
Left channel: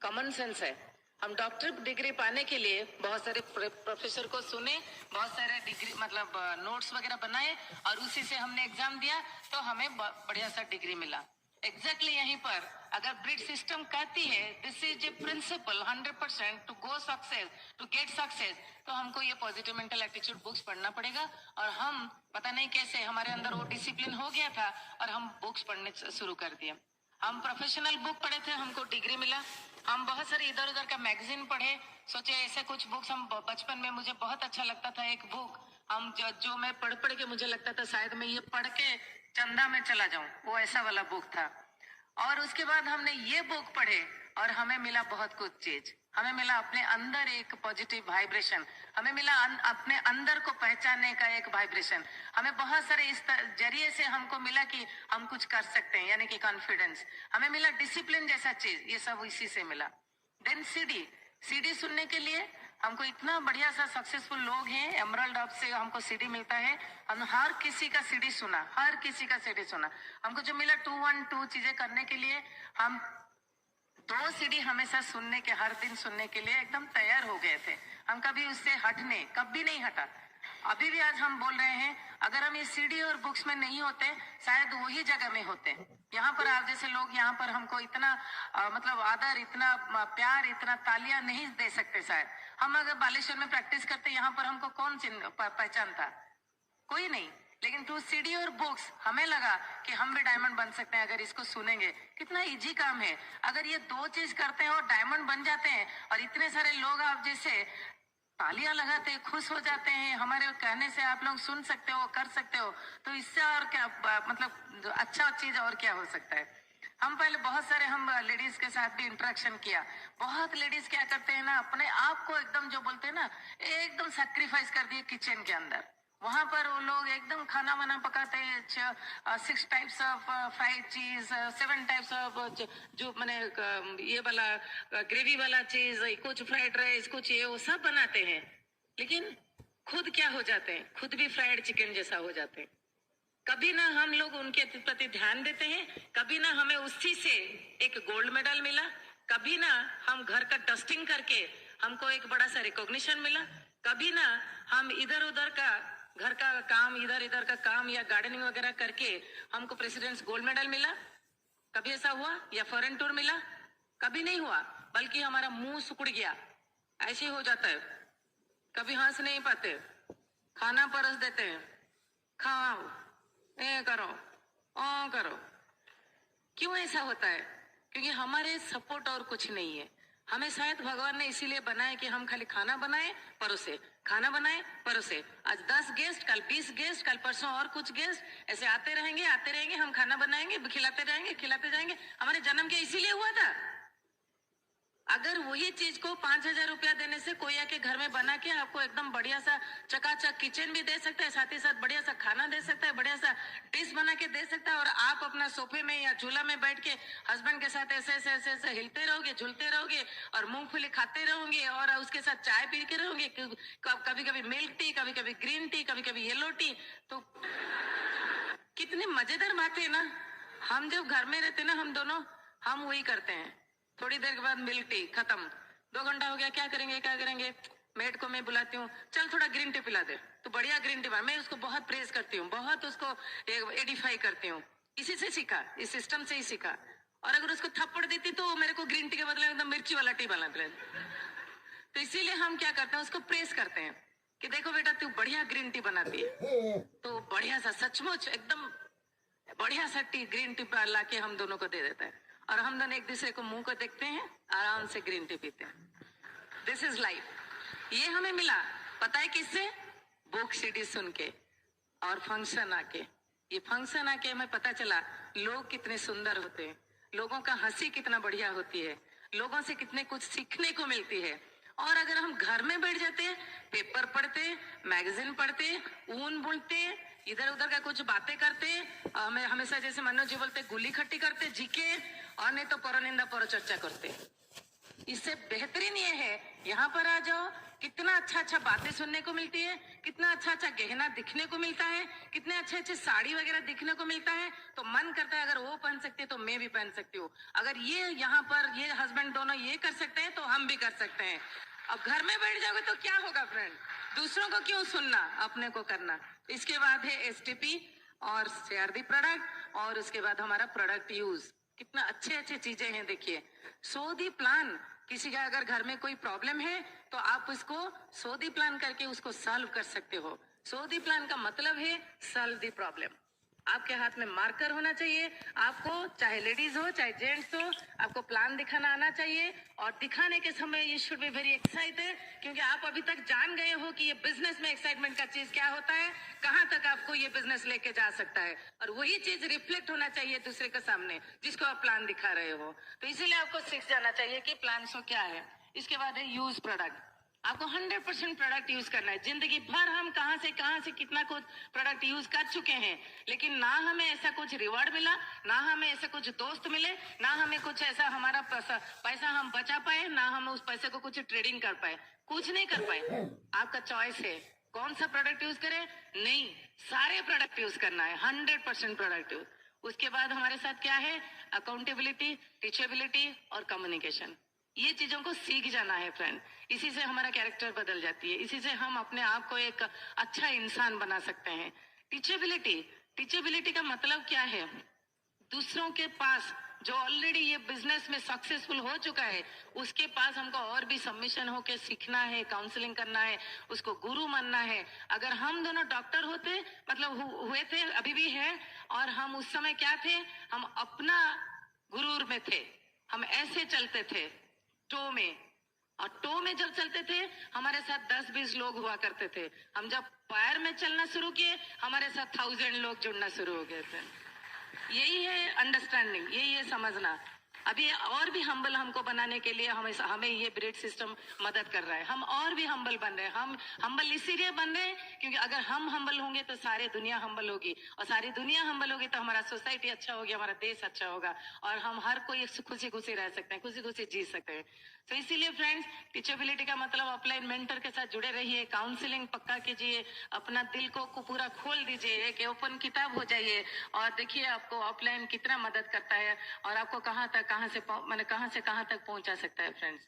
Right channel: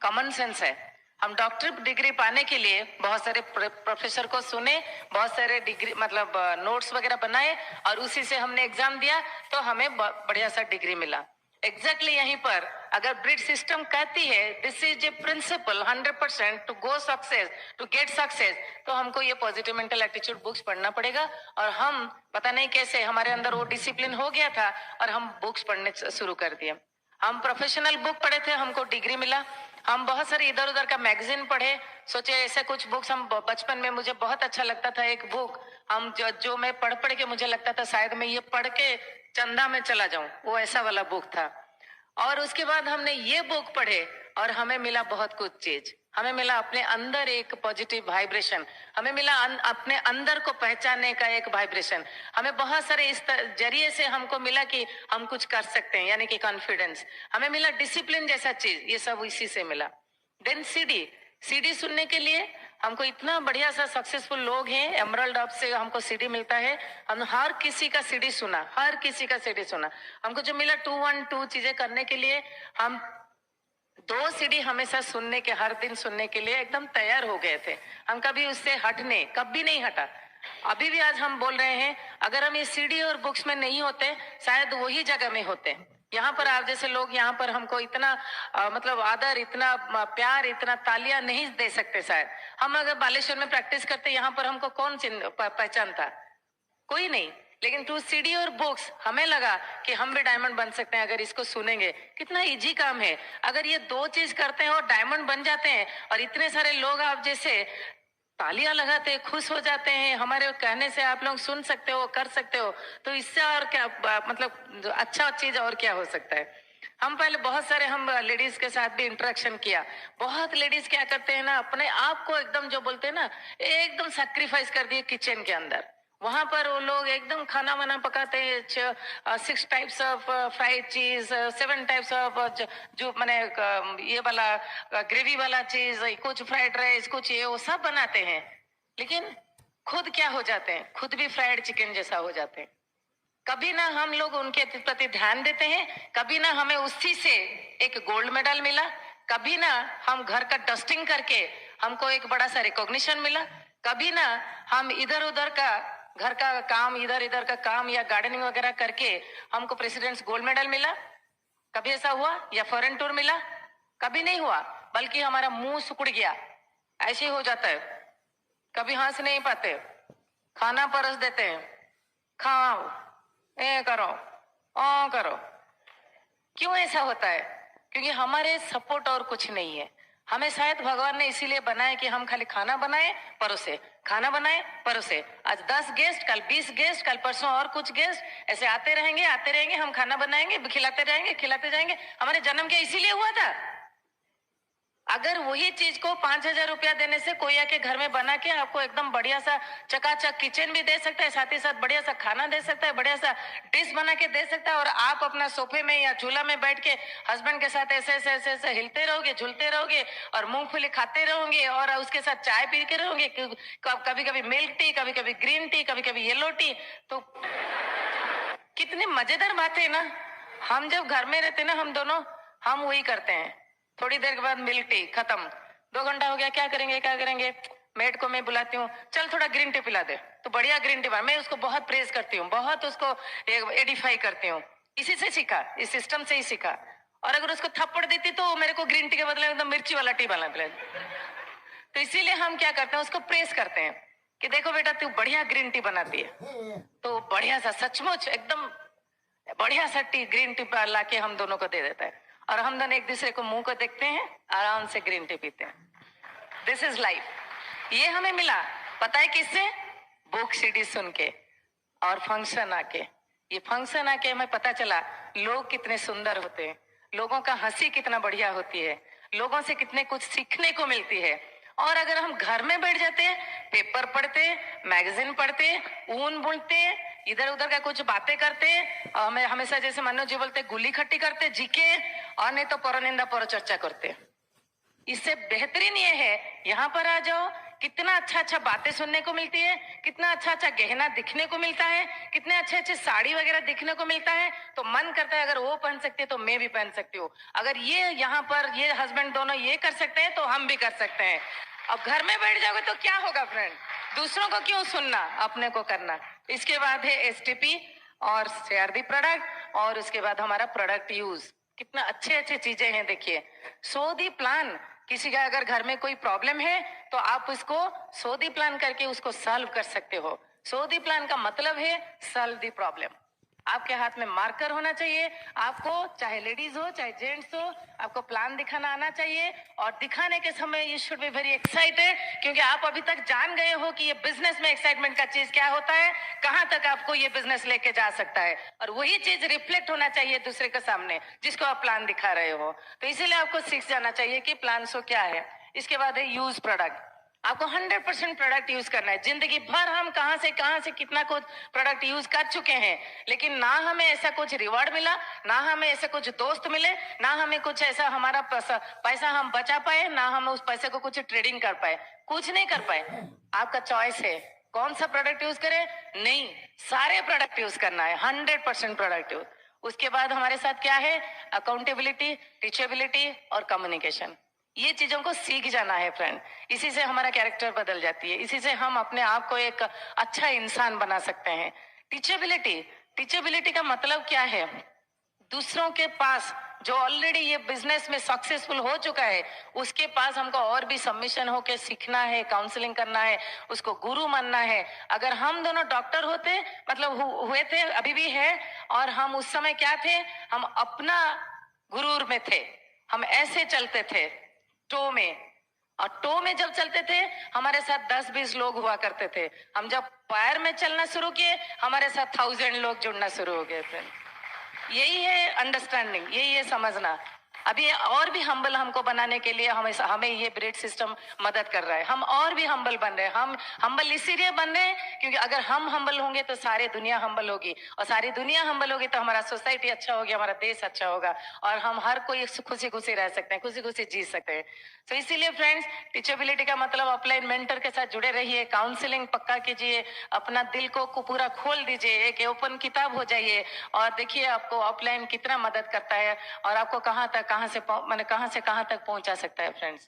कॉमन सेंस है। हम डॉक्टर डिग्री पाने के लिए बहुत सारे प्रोफेसर को सुने, बहुत सारे डिग्री मतलब नोट्स वगैरह बनाए, और उसी से हमने एग्जाम दिया तो हमें बढ़िया सा डिग्री मिला। एग्जैक्टली यहीं पर अगर ब्रिड सिस्टम कहती है this is a principle 100% to go success, to get success, तो हमको ये पॉजिटिव मेंटल एटीट्यूड बुक्स पढ़ना पड़ेगा। और हम पता नहीं कैसे हमारे अंदर वो डिसिप्लिन हो गया था और हम बुक्स पढ़ने शुरू कर दिए। हम प्रोफेशनल बुक पढ़े थे, हमको डिग्री मिला। हम बहुत सारे इधर उधर का मैगजीन पढ़े, सोचे ऐसे कुछ बुक्स हम बचपन में मुझे बहुत अच्छा लगता था एक बुक, हम जो मैं पढ़ के मुझे लगता था शायद मैं ये पढ़ के चंदा में चला जाऊं, वो ऐसा वाला बुक था। और उसके बाद हमने ये बुक पढ़े और हमें मिला बहुत कुछ चीज। हमें मिला अपने अंदर एक पॉजिटिव वाइब्रेशन, हमें मिला अपने अंदर को पहचानने का एक वाइब्रेशन। हमें बहुत सारे इस जरिए से हमको मिला कि हम कुछ कर सकते हैं, यानी कि कॉन्फिडेंस। हमें मिला डिसिप्लिन जैसा चीज, ये सब इसी से मिला। देन सीडी सुनने के लिए हमको इतना बढ़िया सा सक्सेसफुल लोग हैं, एमरल्ड हब से हमको सीडी मिलता है। हम हर किसी का सीडी सुना, हर किसी का सीडी सुना। हमको जो मिला 212 चीजें करने के लिए, हम 2 सीडी हमेशा सुनने के, हर दिन सुनने के लिए एकदम तैयार हो गए थे। हम कभी उससे हटने कभी नहीं हटा। अभी भी आज हम बोल रहे हैं, अगर हम ये सीडी और बुक्स में नहीं होते शायद वही जगह में होते, यहाँ पर आप जैसे लोग यहाँ पर हमको इतना मतलब आदर, इतना प्यार, इतना तालियां नहीं दे सकते शायद। हम अगर बालेश्वर में प्रैक्टिस करते, यहाँ पर हमको कौन पहचानता? कोई नहीं। लेकिन थ्रू सीडी और बुक्स हमें लगा कि हम भी डायमंड बन सकते हैं अगर इसको सुनेंगे। कितना इजी काम है। अगर ये दो चीज करते हैं और डायमंड बन जाते हैं, और इतने सारे लोग आप जैसे तालियां लगाते हैं, खुश हो जाते हैं, हमारे कहने से आप लोग सुन सकते हो, कर सकते हो, तो इससे और क्या मतलब अच्छा चीज और क्या हो सकता है। हम पहले बहुत सारे हम लेडीज के साथ भी इंटरेक्शन किया। बहुत लेडीज क्या करते हैं ना, अपने आप को एकदम जो बोलते हैं ना, एकदम सेक्रीफाइस कर दिए किचन के अंदर। वहां पर वो लोग एकदम खाना वाना पकाते हैं, 6 टाइप्स ऑफ फ्राइड चीज, 7 टाइप्स ऑफ जो मैंने ये वाला ग्रेवी वाला चीज, कुछ फ्राइड राइस, कुछ ये वो सब बनाते हैं। लेकिन खुद क्या हो जाते हैं? खुद भी फ्राइड चिकन जैसा हो जाते हैं। कभी ना हम लोग उनके प्रति ध्यान देते हैं, कभी ना हमें उसी से एक गोल्ड मेडल मिला, कभी ना हम घर का डस्टिंग करके हमको एक बड़ा सा रिकॉग्निशन मिला, कभी ना हम इधर उधर का घर का काम, इधर इधर का काम या गार्डनिंग वगैरह करके हमको प्रेसिडेंट्स गोल्ड मेडल मिला। कभी ऐसा हुआ? या फॉरेन टूर मिला? कभी नहीं हुआ। बल्कि हमारा मुंह सुकुड़ गया, ऐसे ही हो जाता है। कभी हंस नहीं पाते, खाना परोस देते हैं, खाओ, ए करो, ओ करो। क्यों ऐसा होता है? क्योंकि हमारे सपोर्ट और कुछ नहीं है। हमें शायद भगवान ने इसीलिए बनाया कि हम खाली खाना बनाए परोसे, खाना बनाए परोसे। आज 10 गेस्ट, कल 20 गेस्ट, कल परसों और कुछ गेस्ट, ऐसे आते रहेंगे आते रहेंगे। हम खाना बनाएंगे, खिलाते रहेंगे, खिलाते जाएंगे। हमारे जन्म क्या इसीलिए हुआ था? अगर वही चीज को 5,000 रुपया देने से कोई आके घर में बना के आपको एकदम बढ़िया सा चकाचक किचन भी दे सकता है, साथ ही साथ बढ़िया सा खाना दे सकता है, बढ़िया सा डिश बना के दे सकता है, और आप अपना सोफे में या झूला में बैठ के हस्बैंड के साथ ऐसे ऐसे ऐसे ऐसे हिलते रहोगे, झूलते रहोगे, और मूंगफली खाते रहोगे, और उसके साथ चाय पी के रहोगे, कभी कभी मिल्क टी, कभी कभी ग्रीन टी, कभी कभी येलो टी। तो कितनी मजेदार बात है ना। हम जब घर में रहते ना, हम दोनों हम वही करते हैं। थोड़ी देर के बाद मिल्क टी खत्म, 2 घंटा हो गया, क्या करेंगे क्या करेंगे। मेड को मैं बुलाती हूँ, चल थोड़ा ग्रीन टी पिला दे, तो बढ़िया ग्रीन टी। मैं उसको बहुत प्रेज करती हूँ, बहुत उसको एडिफाई करती हूँ। इसी से सीखा, इस सिस्टम से ही सीखा। और अगर उसको थप्पड़ देती तो मेरे को ग्रीन टी के बदले एकदम मिर्ची वाला टी बना पिला। तो इसीलिए हम क्या करते हैं, उसको प्रेस करते हैं कि देखो बेटा तू बढ़िया ग्रीन टी बनाती है। तो बढ़िया सा, सचमुच एकदम बढ़िया सा टी, ग्रीन टी ला के हम दोनों को दे देता है, और हम दोनों एक दूसरे को मुंह को देखते हैं, आराम से ग्रीन टी पीते हैं। This is life. ये हमें मिला पता है किससे? बुक सीडी सुन के और फंक्शन आके। ये फंक्शन आके हमें पता चला लोग कितने सुंदर होते हैं, लोगों का हंसी कितना बढ़िया होती है, लोगों से कितने कुछ सीखने को मिलती है। और अगर हम घर में बैठ जाते, पेपर पढ़ते, मैगजीन पढ़ते, ऊन बुनते, इधर उधर का कुछ बातें करते, हमें हमेशा जैसे मनोज जी बोलते गुली खट्टी करते, जीके, और नहीं तो परनिंदा पर चर्चा करते, इससे बेहतरीन ये है यहाँ पर आ जाओ। कितना अच्छा अच्छा बातें सुनने को मिलती है, कितना अच्छा अच्छा गहना दिखने को मिलता है, कितने अच्छे अच्छे साड़ी वगैरह दिखने को मिलता है। तो मन करता है अगर वो पहन सकती है तो मैं भी पहन सकती हूँ। अगर ये यहाँ पर ये हस्बैंड दोनों ये कर सकते हैं तो हम भी कर सकते हैं। अब घर में बैठ जाओगे तो क्या होगा फ्रेंड? दूसरों को क्यों सुनना, अपने को करना। इसके बाद है STP और CRD प्रोडक्ट, और उसके बाद हमारा प्रोडक्ट यूज। कितना अच्छे अच्छे चीजें हैं देखिए। सो दी प्लान, किसी का अगर घर में कोई प्रॉब्लम है तो आप उसको सो दी प्लान करके उसको सॉल्व कर सकते हो। सो दी प्लान का मतलब है सॉल्व दी प्रॉब्लम। आपके हाथ में मार्कर होना चाहिए, आपको चाहे लेडीज हो चाहे जेंट्स हो, आपको प्लान दिखाना आना चाहिए। और दिखाने के समय you should be very excited, क्योंकि आप अभी तक जान गए हो कि ये बिजनेस में एक्साइटमेंट का चीज क्या होता है, कहां तक आपको ये बिजनेस लेके जा सकता है। और वही चीज रिफ्लेक्ट होना चाहिए दूसरे के सामने जिसको आप प्लान दिखा रहे हो। तो इसीलिए आपको सीख जाना चाहिए कि प्लान सो क्या है। इसके बाद है यूज प्रोडक्ट। आपको 100% प्रोडक्ट यूज करना है। जिंदगी भर हम कहां से कितना कुछ प्रोडक्ट यूज कर चुके हैं, लेकिन ना हमें ऐसा कुछ रिवॉर्ड मिला, ना हमें ऐसा कुछ दोस्त मिले, ना हमें कुछ ऐसा हमारा पैसा हम बचा पाए, ना हम उस पैसे को कुछ ट्रेडिंग कर पाए, कुछ नहीं कर पाए। आपका चॉइस है कौन सा प्रोडक्ट यूज करे। नहीं, सारे प्रोडक्ट यूज करना है, 100% प्रोडक्ट यूज। उसके बाद हमारे साथ क्या है? अकाउंटेबिलिटी, टीचेबिलिटी और कम्युनिकेशन। ये चीजों को सीख जाना है फ्रेंड। इसी से हमारा कैरेक्टर बदल जाती है, इसी से हम अपने आप को एक अच्छा इंसान बना सकते हैं। टीचेबिलिटी, टीचेबिलिटी का मतलब क्या है? दूसरों के पास जो ऑलरेडी ये बिजनेस में सक्सेसफुल हो चुका है, उसके पास हमको और भी सबमिशन होके सीखना है, काउंसलिंग करना है, उसको गुरु मानना है। अगर हम दोनों डॉक्टर होते, मतलब हुए थे, अभी भी है, और हम उस समय क्या थे, हम अपना गुरूर में थे, हम ऐसे चलते थे टो में, और टो में जब चलते थे हमारे साथ 10-20 लोग हुआ करते थे। हम जब पैर में चलना शुरू किए हमारे साथ 1000 लोग जुड़ना शुरू हो गए थे। यही है अंडरस्टैंडिंग, यही है समझना। अभी और भी हम्बल हमको बनाने के लिए हमें ये ब्रेड सिस्टम मदद कर रहा है। हम और भी हम्बल बन रहे हैं। हम हम्बल इसीलिए बन रहे हैं क्योंकि अगर हम हम्बल होंगे तो सारी दुनिया हम्बल होगी, और सारी दुनिया हम्बल होगी तो हमारा सोसाइटी अच्छा होगी, हमारा देश अच्छा होगा, और हम हर कोई खुशी खुशी रह सकते हैं, खुशी खुशी जी सकते हैं। तो इसीलिए फ्रेंड्स, टीचेबिलिटी का मतलब ऑफलाइन मेंटर के साथ जुड़े रहिए, काउंसलिंग पक्का कीजिए, अपना दिल को पूरा खोल दीजिए, एक ओपन किताब हो जाइए, और देखिए आपको ऑफलाइन कितना मदद करता है, और आपको कहाँ से कहाँ तक पहुंचा सकता है फ्रेंड्स।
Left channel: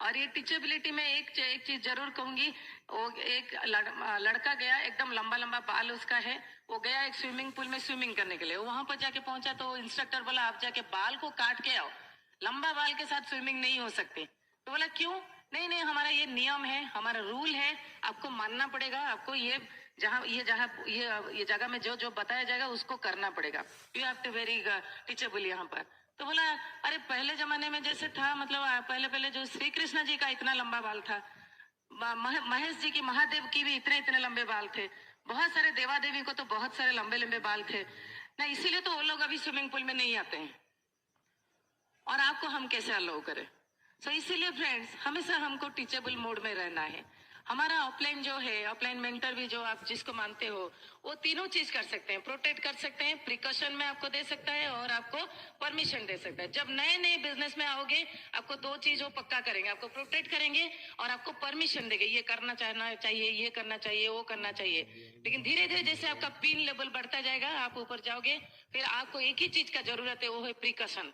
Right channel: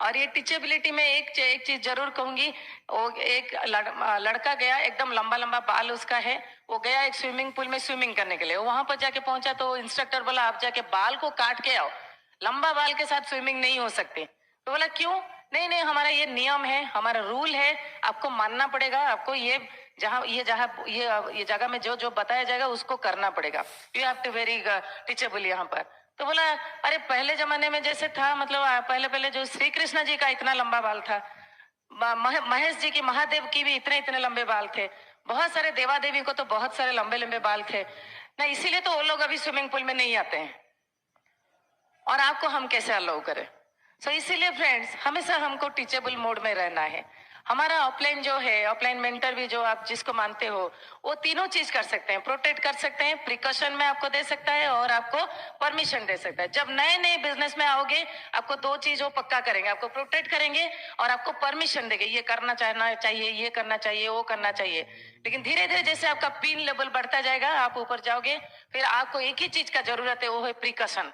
और ये टीचेबिलिटी में एक चीज जरूर कहूंगी, वो एक लड़का गया, एकदम लंबा लंबा बाल उसका है, वो गया एक स्विमिंग पूल में स्विमिंग करने के लिए। वहां पर जाके पहुंचा तो इंस्ट्रक्टर बोला आप जाके बाल को काट के आओ, लंबा बाल के साथ स्विमिंग नहीं हो सकती। तो बोला क्यों? नहीं नहीं, हमारा ये नियम है, हमारा रूल है, आपको मानना पड़ेगा, आपको ये जगह में जो जो बताया जाएगा उसको करना पड़ेगा। You have to very teachable यहाँ पर। तो बोला अरे पहले जमाने में जैसे था, मतलब पहले जो श्री कृष्ण जी का इतना लंबा बाल था, महेश जी की, महादेव की भी इतने इतने लंबे बाल थे, बहुत सारे देवा देवी को तो बहुत सारे लंबे लंबे बाल थे ना, इसीलिए तो वो लोग अभी स्विमिंग पूल में नहीं आते हैं, और आपको हम कैसे अलाउ करें। सो इसीलिए फ्रेंड्स, हमेशा हमको टीचेबल मोड में रहना है। हमारा ऑफलाइन जो है, ऑफलाइन मेंटर भी जो आप जिसको मानते हो, वो तीनों चीज कर सकते हैं, प्रोटेक्ट कर सकते हैं, प्रिकॉशन में आपको दे सकता है, और आपको परमिशन दे सकता है। जब नए नए बिजनेस में आओगे, आपको दो चीज वो पक्का करेंगे, आपको प्रोटेक्ट करेंगे और आपको परमिशन देंगे, ये करना चाहिए, ये करना चाहिए, वो करना चाहिए। लेकिन धीरे धीरे जैसे आपका पिन लेवल बढ़ता जाएगा, आप ऊपर जाओगे, फिर आपको एक ही चीज का जरूरत है, वो है प्रिकॉशन।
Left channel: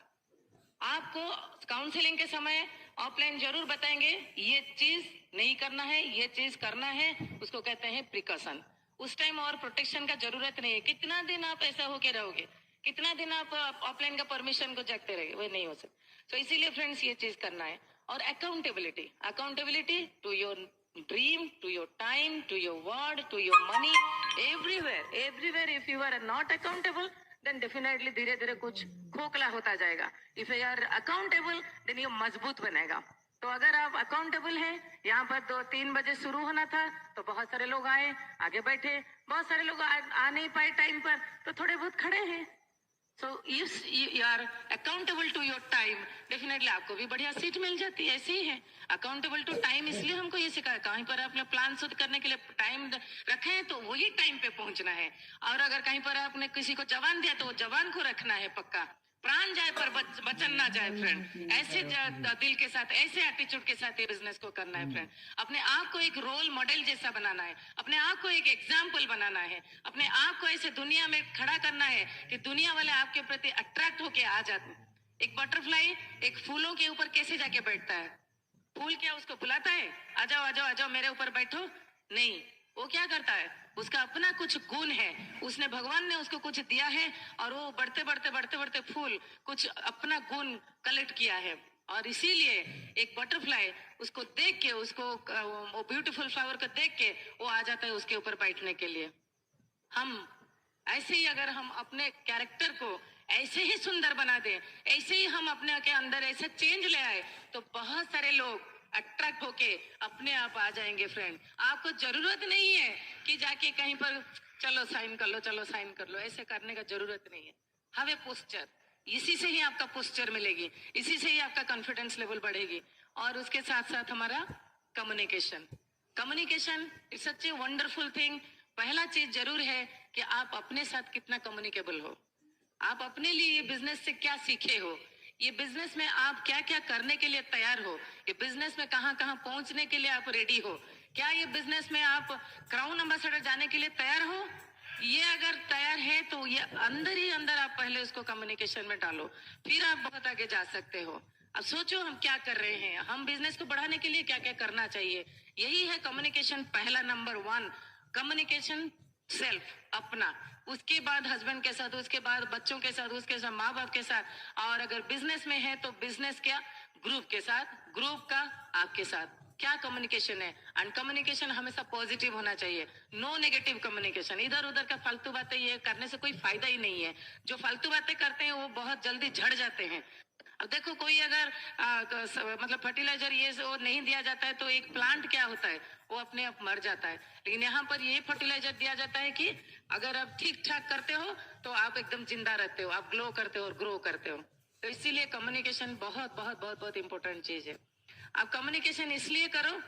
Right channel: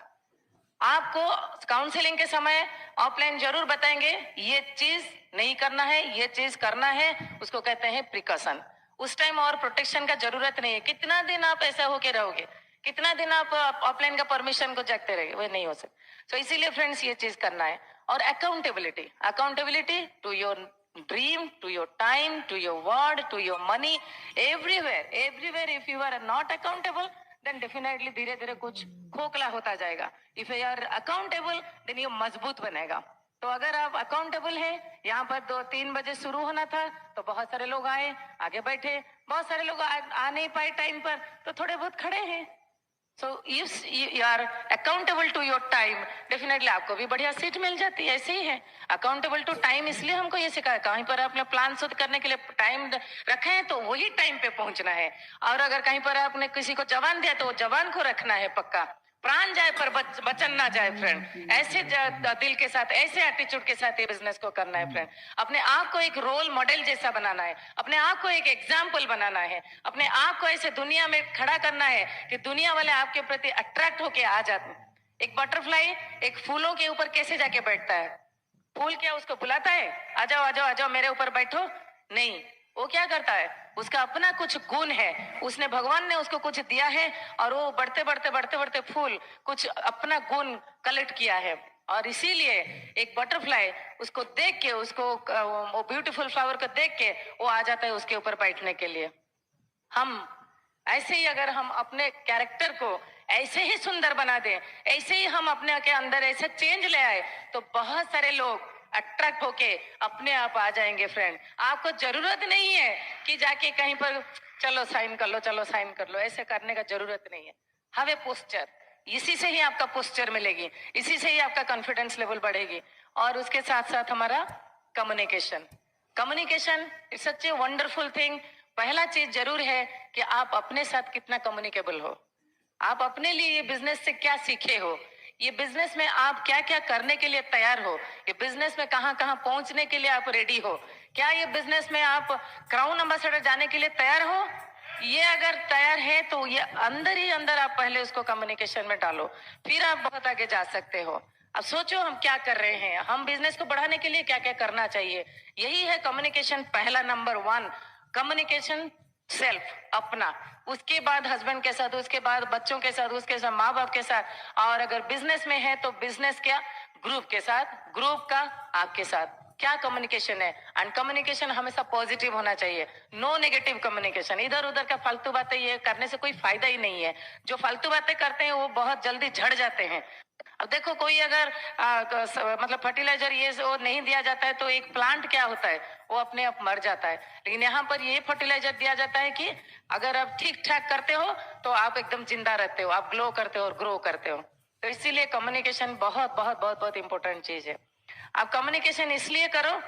आपको काउंसलिंग के समय ऑफलाइन जरूर बताएंगे, ये चीज नहीं करना है, ये चीज करना है, उसको कहते हैं प्रिकॉशन। उस टाइम और प्रोटेक्शन का जरूरत नहीं है। कितना दिन आप ऐसा होके रहोगे, कितना दिन आप ऑफलाइन का परमिशन को जगते रहेंगे, वो नहीं हो सकता। तो इसीलिए फ्रेंड्स, ये चीज करना है। और accountability to your dream, to your time, to your word, to your money, everywhere if you are not accountable, then definitely धीरे धीरे कुछ खोखला होता जाएगा। If you are accountable, then ये मजबूत बनेगा। तो अगर आप अकाउंटेबल हैं, यहाँ पर 2-3 बजे शुरू होना था तो बहुत सारे लोग आए, आगे बैठे, बहुत सारे लोग आ नहीं पाए टाइम पर, तो थोड़े बहुत खड़े हैं। So you are accountable to your time, definitely आपको भी बढ़िया सीट मिल जाती है। ऐसे ही है अकाउंटेबल टू टाइम, इसलिए हमको ये सिखाया, कहीं पर आपने प्लान शुद्ध करने के लिए टाइम रखे हैं तो वही टाइम पे पहुंचना है, और अगर कहीं पर आपने किसी को जवान दिया तो वो जवान को रखना है पक्का। प्राण जाए पर वचन ना जाए फ्रेंड, ऐसे दिल के साथ, ऐसे एटीट्यूड के साथ ये बिजनेस को करना है फ्रेंड। अपने आप को एक रोल मॉडल जैसा बनाना है, अपने आप को एक एग्जाम्पल बनाना है, अपने आप को ऐसे दुनिया में खड़ा करना है कि दुनिया वाले आपके प्रति अट्रैक्ट होके आ जाते। एक बटरफ्लाई एक फूलों के ऊपर कैसे जाके बैठता है? फूल क्या उसको बुलाता है, आ जाओ आ जाओ आ जाओ मेरे ऊपर बैठो? नहीं, वो क्या करता है, उसका अपना कुछ गुण है, उसने, भगवान ने उसको कुछ दिया है, और वो बढ़ते बढ़ते बढ़ते बढ़ते फूल कुछ अपना गुण कलेक्ट किया है। और इसीलिए एक बटरफ्लाई उसको देख के, उसको वो ब्यूटीफुल फ्लावर को देख के वो आ जाता है उसके ऊपर बैठने के लिए। हम ऐसे ही, अगर हम अपने कैरेक्टर को ऐसे ही सुंदर बना दें, ऐसे ही हम अपने के अंदर ऐसे चेंज ले आए, तो बहुत सारे लोग अट्रैक्ट होके अपने आप आ जाएंगे फ्रेंड। आपको जरूरत नहीं है कि जाके कहीं पर चलो साइन कर लो, चलो साइन कर लो, ऐसे करने का जरूरत नहीं है। हैव ए पोस्चर, इसी से ही आपका पोस्चर मिलेगी, इसी से ही आपका कॉन्फिडेंस लेवल बढ़ेगी। और उसके साथ साथ हमारा communication is such a wonderful thing. पहला चीज जरूर है कि आप अपने साथ कितना कम्युनिकेबल हो, आप अपने लिए ये बिजनेस से क्या सीखे हो, ये बिजनेस में आप क्या क्या करने के लिए तैयार हो, ये बिजनेस में कहाँ कहाँ पहुंचने के लिए आप रेडी हो, क्या ये बिजनेस में आप क्राउन एम्बेसडर जाने के लिए तैयार हो? ये अगर तैयार है तो ये अंदर ही अंदर आप पहले उसको कम्युनिकेशन में डालो, फिर आप बहुत आगे जा सकते हो। अब सोचो हम क्या कर रहे हैं, हम बिजनेस को बढ़ाने के लिए क्या क्या करना चाहिए। यही है कम्युनिकेशन, पहला नंबर 1 कम्युनिकेशन सेल्फ, अपना। उसके बाद हस्बैंड के साथ, उसके बाद बच्चों के साथ, उसके साथ माँ बाप के साथ, और अगर बिजनेस में है तो बिजनेस क्या, ग्रुप के साथ, ग्रुप का आपके साथ क्या कम्युनिकेशन है। एंड कम्युनिकेशन हमेशा पॉजिटिव होना चाहिए, नो नेगेटिव कम्युनिकेशन। इधर उधर का फालतू बातें ये करने से कोई फायदा ही नहीं है। जो फालतू बातें करते हैं वो बहुत जल्दी झड़ जाते हैं। अब देखो, कोई अगर मतलब फर्टिलाइजर ये वो नहीं दिया जाता है तो एक प्लांट क्या होता है, वो अपने आप मर जाता है। लेकिन यहाँ पर ये फर्टिलाइजर दिया जाता है कि अगर आप ठीक ठाक करते हो तो आप एकदम जिंदा रहते हो, आप ग्लो करते हो और ग्रो करते हो। तो इसीलिए कम्युनिकेशन बहुत बहुत बहुत बहुत इंपॉर्टेंट चीज है। आप कम्युनिकेशन इसलिए करो,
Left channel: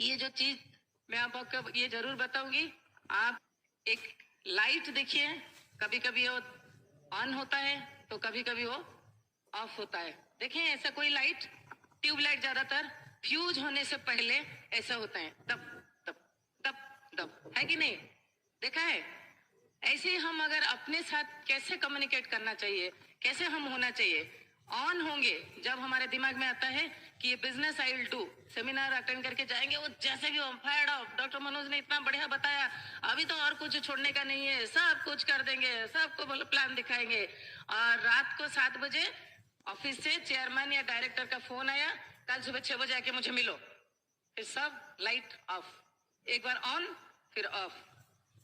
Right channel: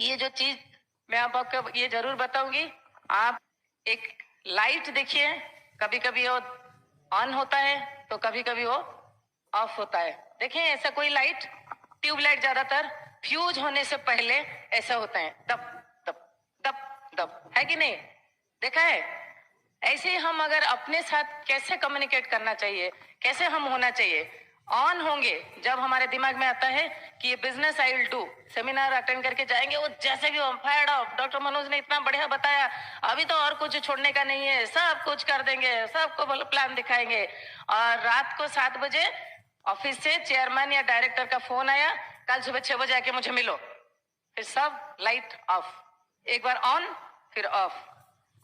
ये जो चीज मैं आपको ये जरूर बताऊंगी। आप एक लाइट देखिए, कभी कभी वो ऑन होता है तो कभी कभी वो ऑफ होता है। देखें, ऐसा कोई लाइट, ट्यूबलाइट ज्यादातर फ्यूज होने से पहले ऐसा होता है, दब दब दब दब, है कि नहीं, देखा है। ऐसे ही हम अगर अपने साथ कैसे कम्युनिकेट करना चाहिए, कैसे हम होना चाहिए, ऑन होंगे जब हमारे दिमाग में आता है कि ये business I will do, seminar attend करके जाएंगे, वो जैसे कि फायर्ड ऑफ, डॉक्टर मनोज ने इतना बढ़िया बताया, अभी तो और कुछ छोड़ने का नहीं है, सब कुछ कर देंगे, सबको प्लान दिखाएंगे। और रात को 7 बजे ऑफिस से चेयरमैन या डायरेक्टर का फोन आया, कल सुबह 6 बजे आके मुझे मिलो, फिर सब लाइट ऑफ, एक बार ऑन फिर ऑफ।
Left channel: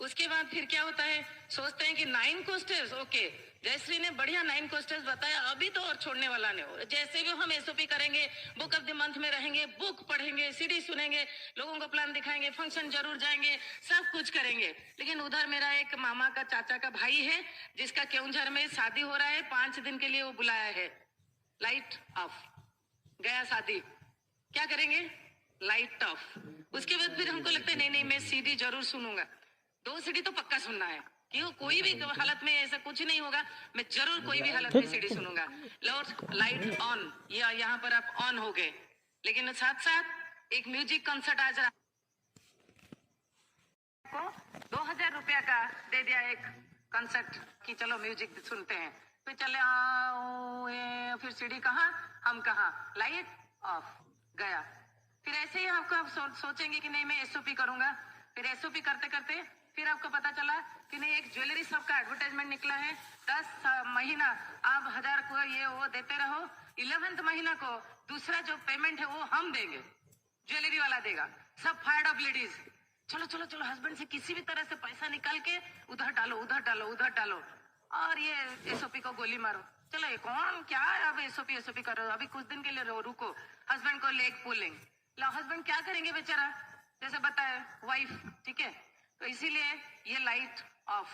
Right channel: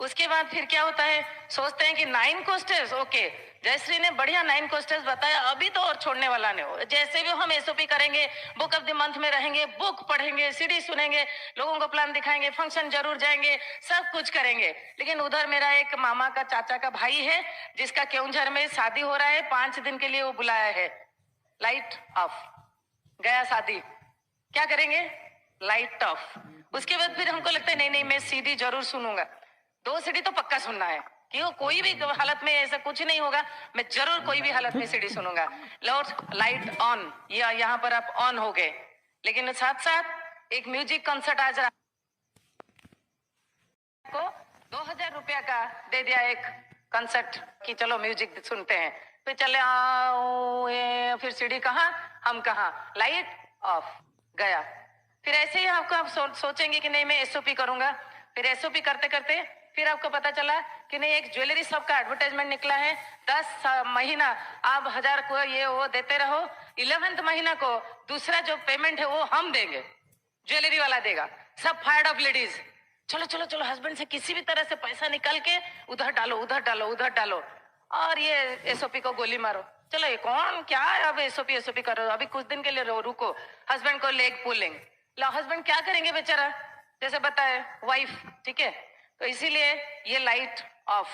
उसके बाद फिर क्या होता है, सोचते हैं कि 9 कोस्टर्स, ओके जयश्री ने बढ़िया 9 कोस्टर्स बताया, अभी तो और छोड़ने वाला नहीं हो, जैसे भी हम एसओपी करेंगे, बुक ऑफ द मंथ में रहेंगे, बुक पढ़ेंगे, सीडी सुनेंगे, लोगों को प्लान दिखाएंगे, फंक्शन जरूर जाएंगे, सब कुछ करेंगे। लेकिन उधर मेरा एक मामा का चाचा का भाई है जिसका केउंझर में शादी हो रहा है, 5 दिन के लिए वो बुलाया है, लाइट ऑफ, गया शादी, क्या करेंगे, लाइट ऑफ। उसके बाद फिर हमको लगता है नहीं नहीं मैं सीडी जरूर सुनूंगा, 2 सीडी तो पक्का सुनना है, क्यों, कोई भी हालत में ऐसा कुछ नहीं होगा, मैं जरूर कोई भी हालत में सीडी सुनूंगा। लॉर्ड लाइट ऑन, या यहाँ पर आप ऑन हो गए। लेकिन साथ साथ एक म्यूजिक कंसर्ट आज को 2000 रुपया का दे दिया, एक कंसर्ट की चलो म्यूजिक सुनते हैं, फिर चले आओ, फिर सीडी कहाँ, हम कहाँ, लाइट ऑफ, गया। फिर ऐसे ही आपको आप सोचेंगे कि नहीं मैं एसओपी करूंगा, फिर एसओपी करते करते फिर आपको पता चला कि नहीं एक ज्वेलरी शॉप का एडवर्टाइजमेंट निकला है, 10 महीना आप 1000 को ये वो देते रहो, 11th महीना को दूसरा जो पेमेंट है वो हम देंगे, ज्वेलरी वाला देगा। सब फायर्ड ऑफ लेडीज, चलो चलो चलो हस्बैंड से किसी भी तरह से पैसा निकाल के उधर डालो उधर डालो उधर डालो, और ये एसओपी को गोली मारो। चलो ये कौन क्या है, अब एसओपी एसओपी कर रहे हो, अभी कुछ दिन के लिए रुको, हस्बैंड को लेग पुलिंग, ला हस्बैंड क्या करेंगे बेचारा, जैसे बताए वाइफ, ठीक है। तो इसीलिए ये लाइट ऑफ,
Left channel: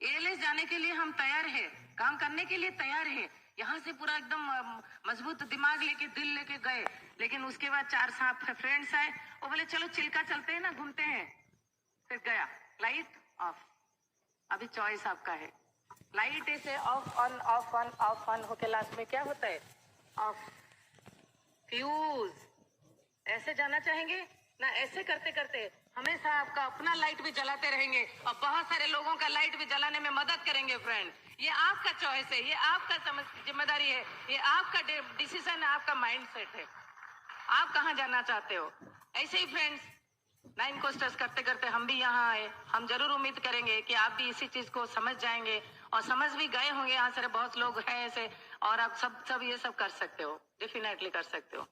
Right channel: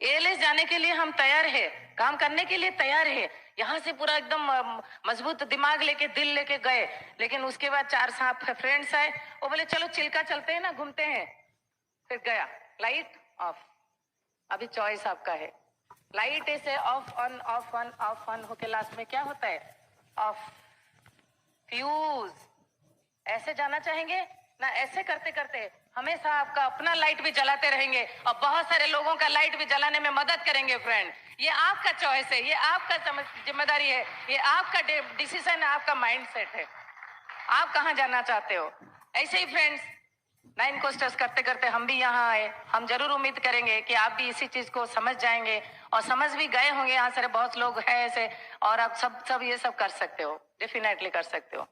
एएलएस जाने के लिए हम तैयार है, काम करने के लिए तैयार है, यहाँ से पूरा एकदम मजबूत दिमाग लेके दिल लेके गए, लेकिन उसके बाद 4-7 फ्रेंड्स आए, वो बोले चलो चिल्का चलते हैं ना, घूमते हैं, फिर गया लाइट ऑफ। अभी चॉइस आपका है, लाइट ऐसे of on off on off on होके लास्ट में क्या होता है, ऑफ। फ्यूज ऐसे जाना चाहेंगे ना, ऐसे करते करते हमेशा आपका अपना लाइट भी जलाते रहेंगे और बहुत सारे लोगों का लाइट भी जलाने में मदद करेंगे। फ्रेंड, ये आपका चॉइस है, ये आपका जिम्मेदारी है, ये आपका डिसीजन है, आपका माइंडसेट है, आप कहाँ जाना चाहते हो। ऐसे ही फ्रेंड्स 9 कोस्टर्स करते करते हम भी यहाँ आए, हम जरूर उम्मीद करेंगे कि आप भी इसी चीज को समझ जाएंगे और समझ भी गए होंगे। यहाँ सारे बहुत लोग हैं ऐसे, और आप सब ये सब कर सकते हो, डेफिनेटली कर सकते हो।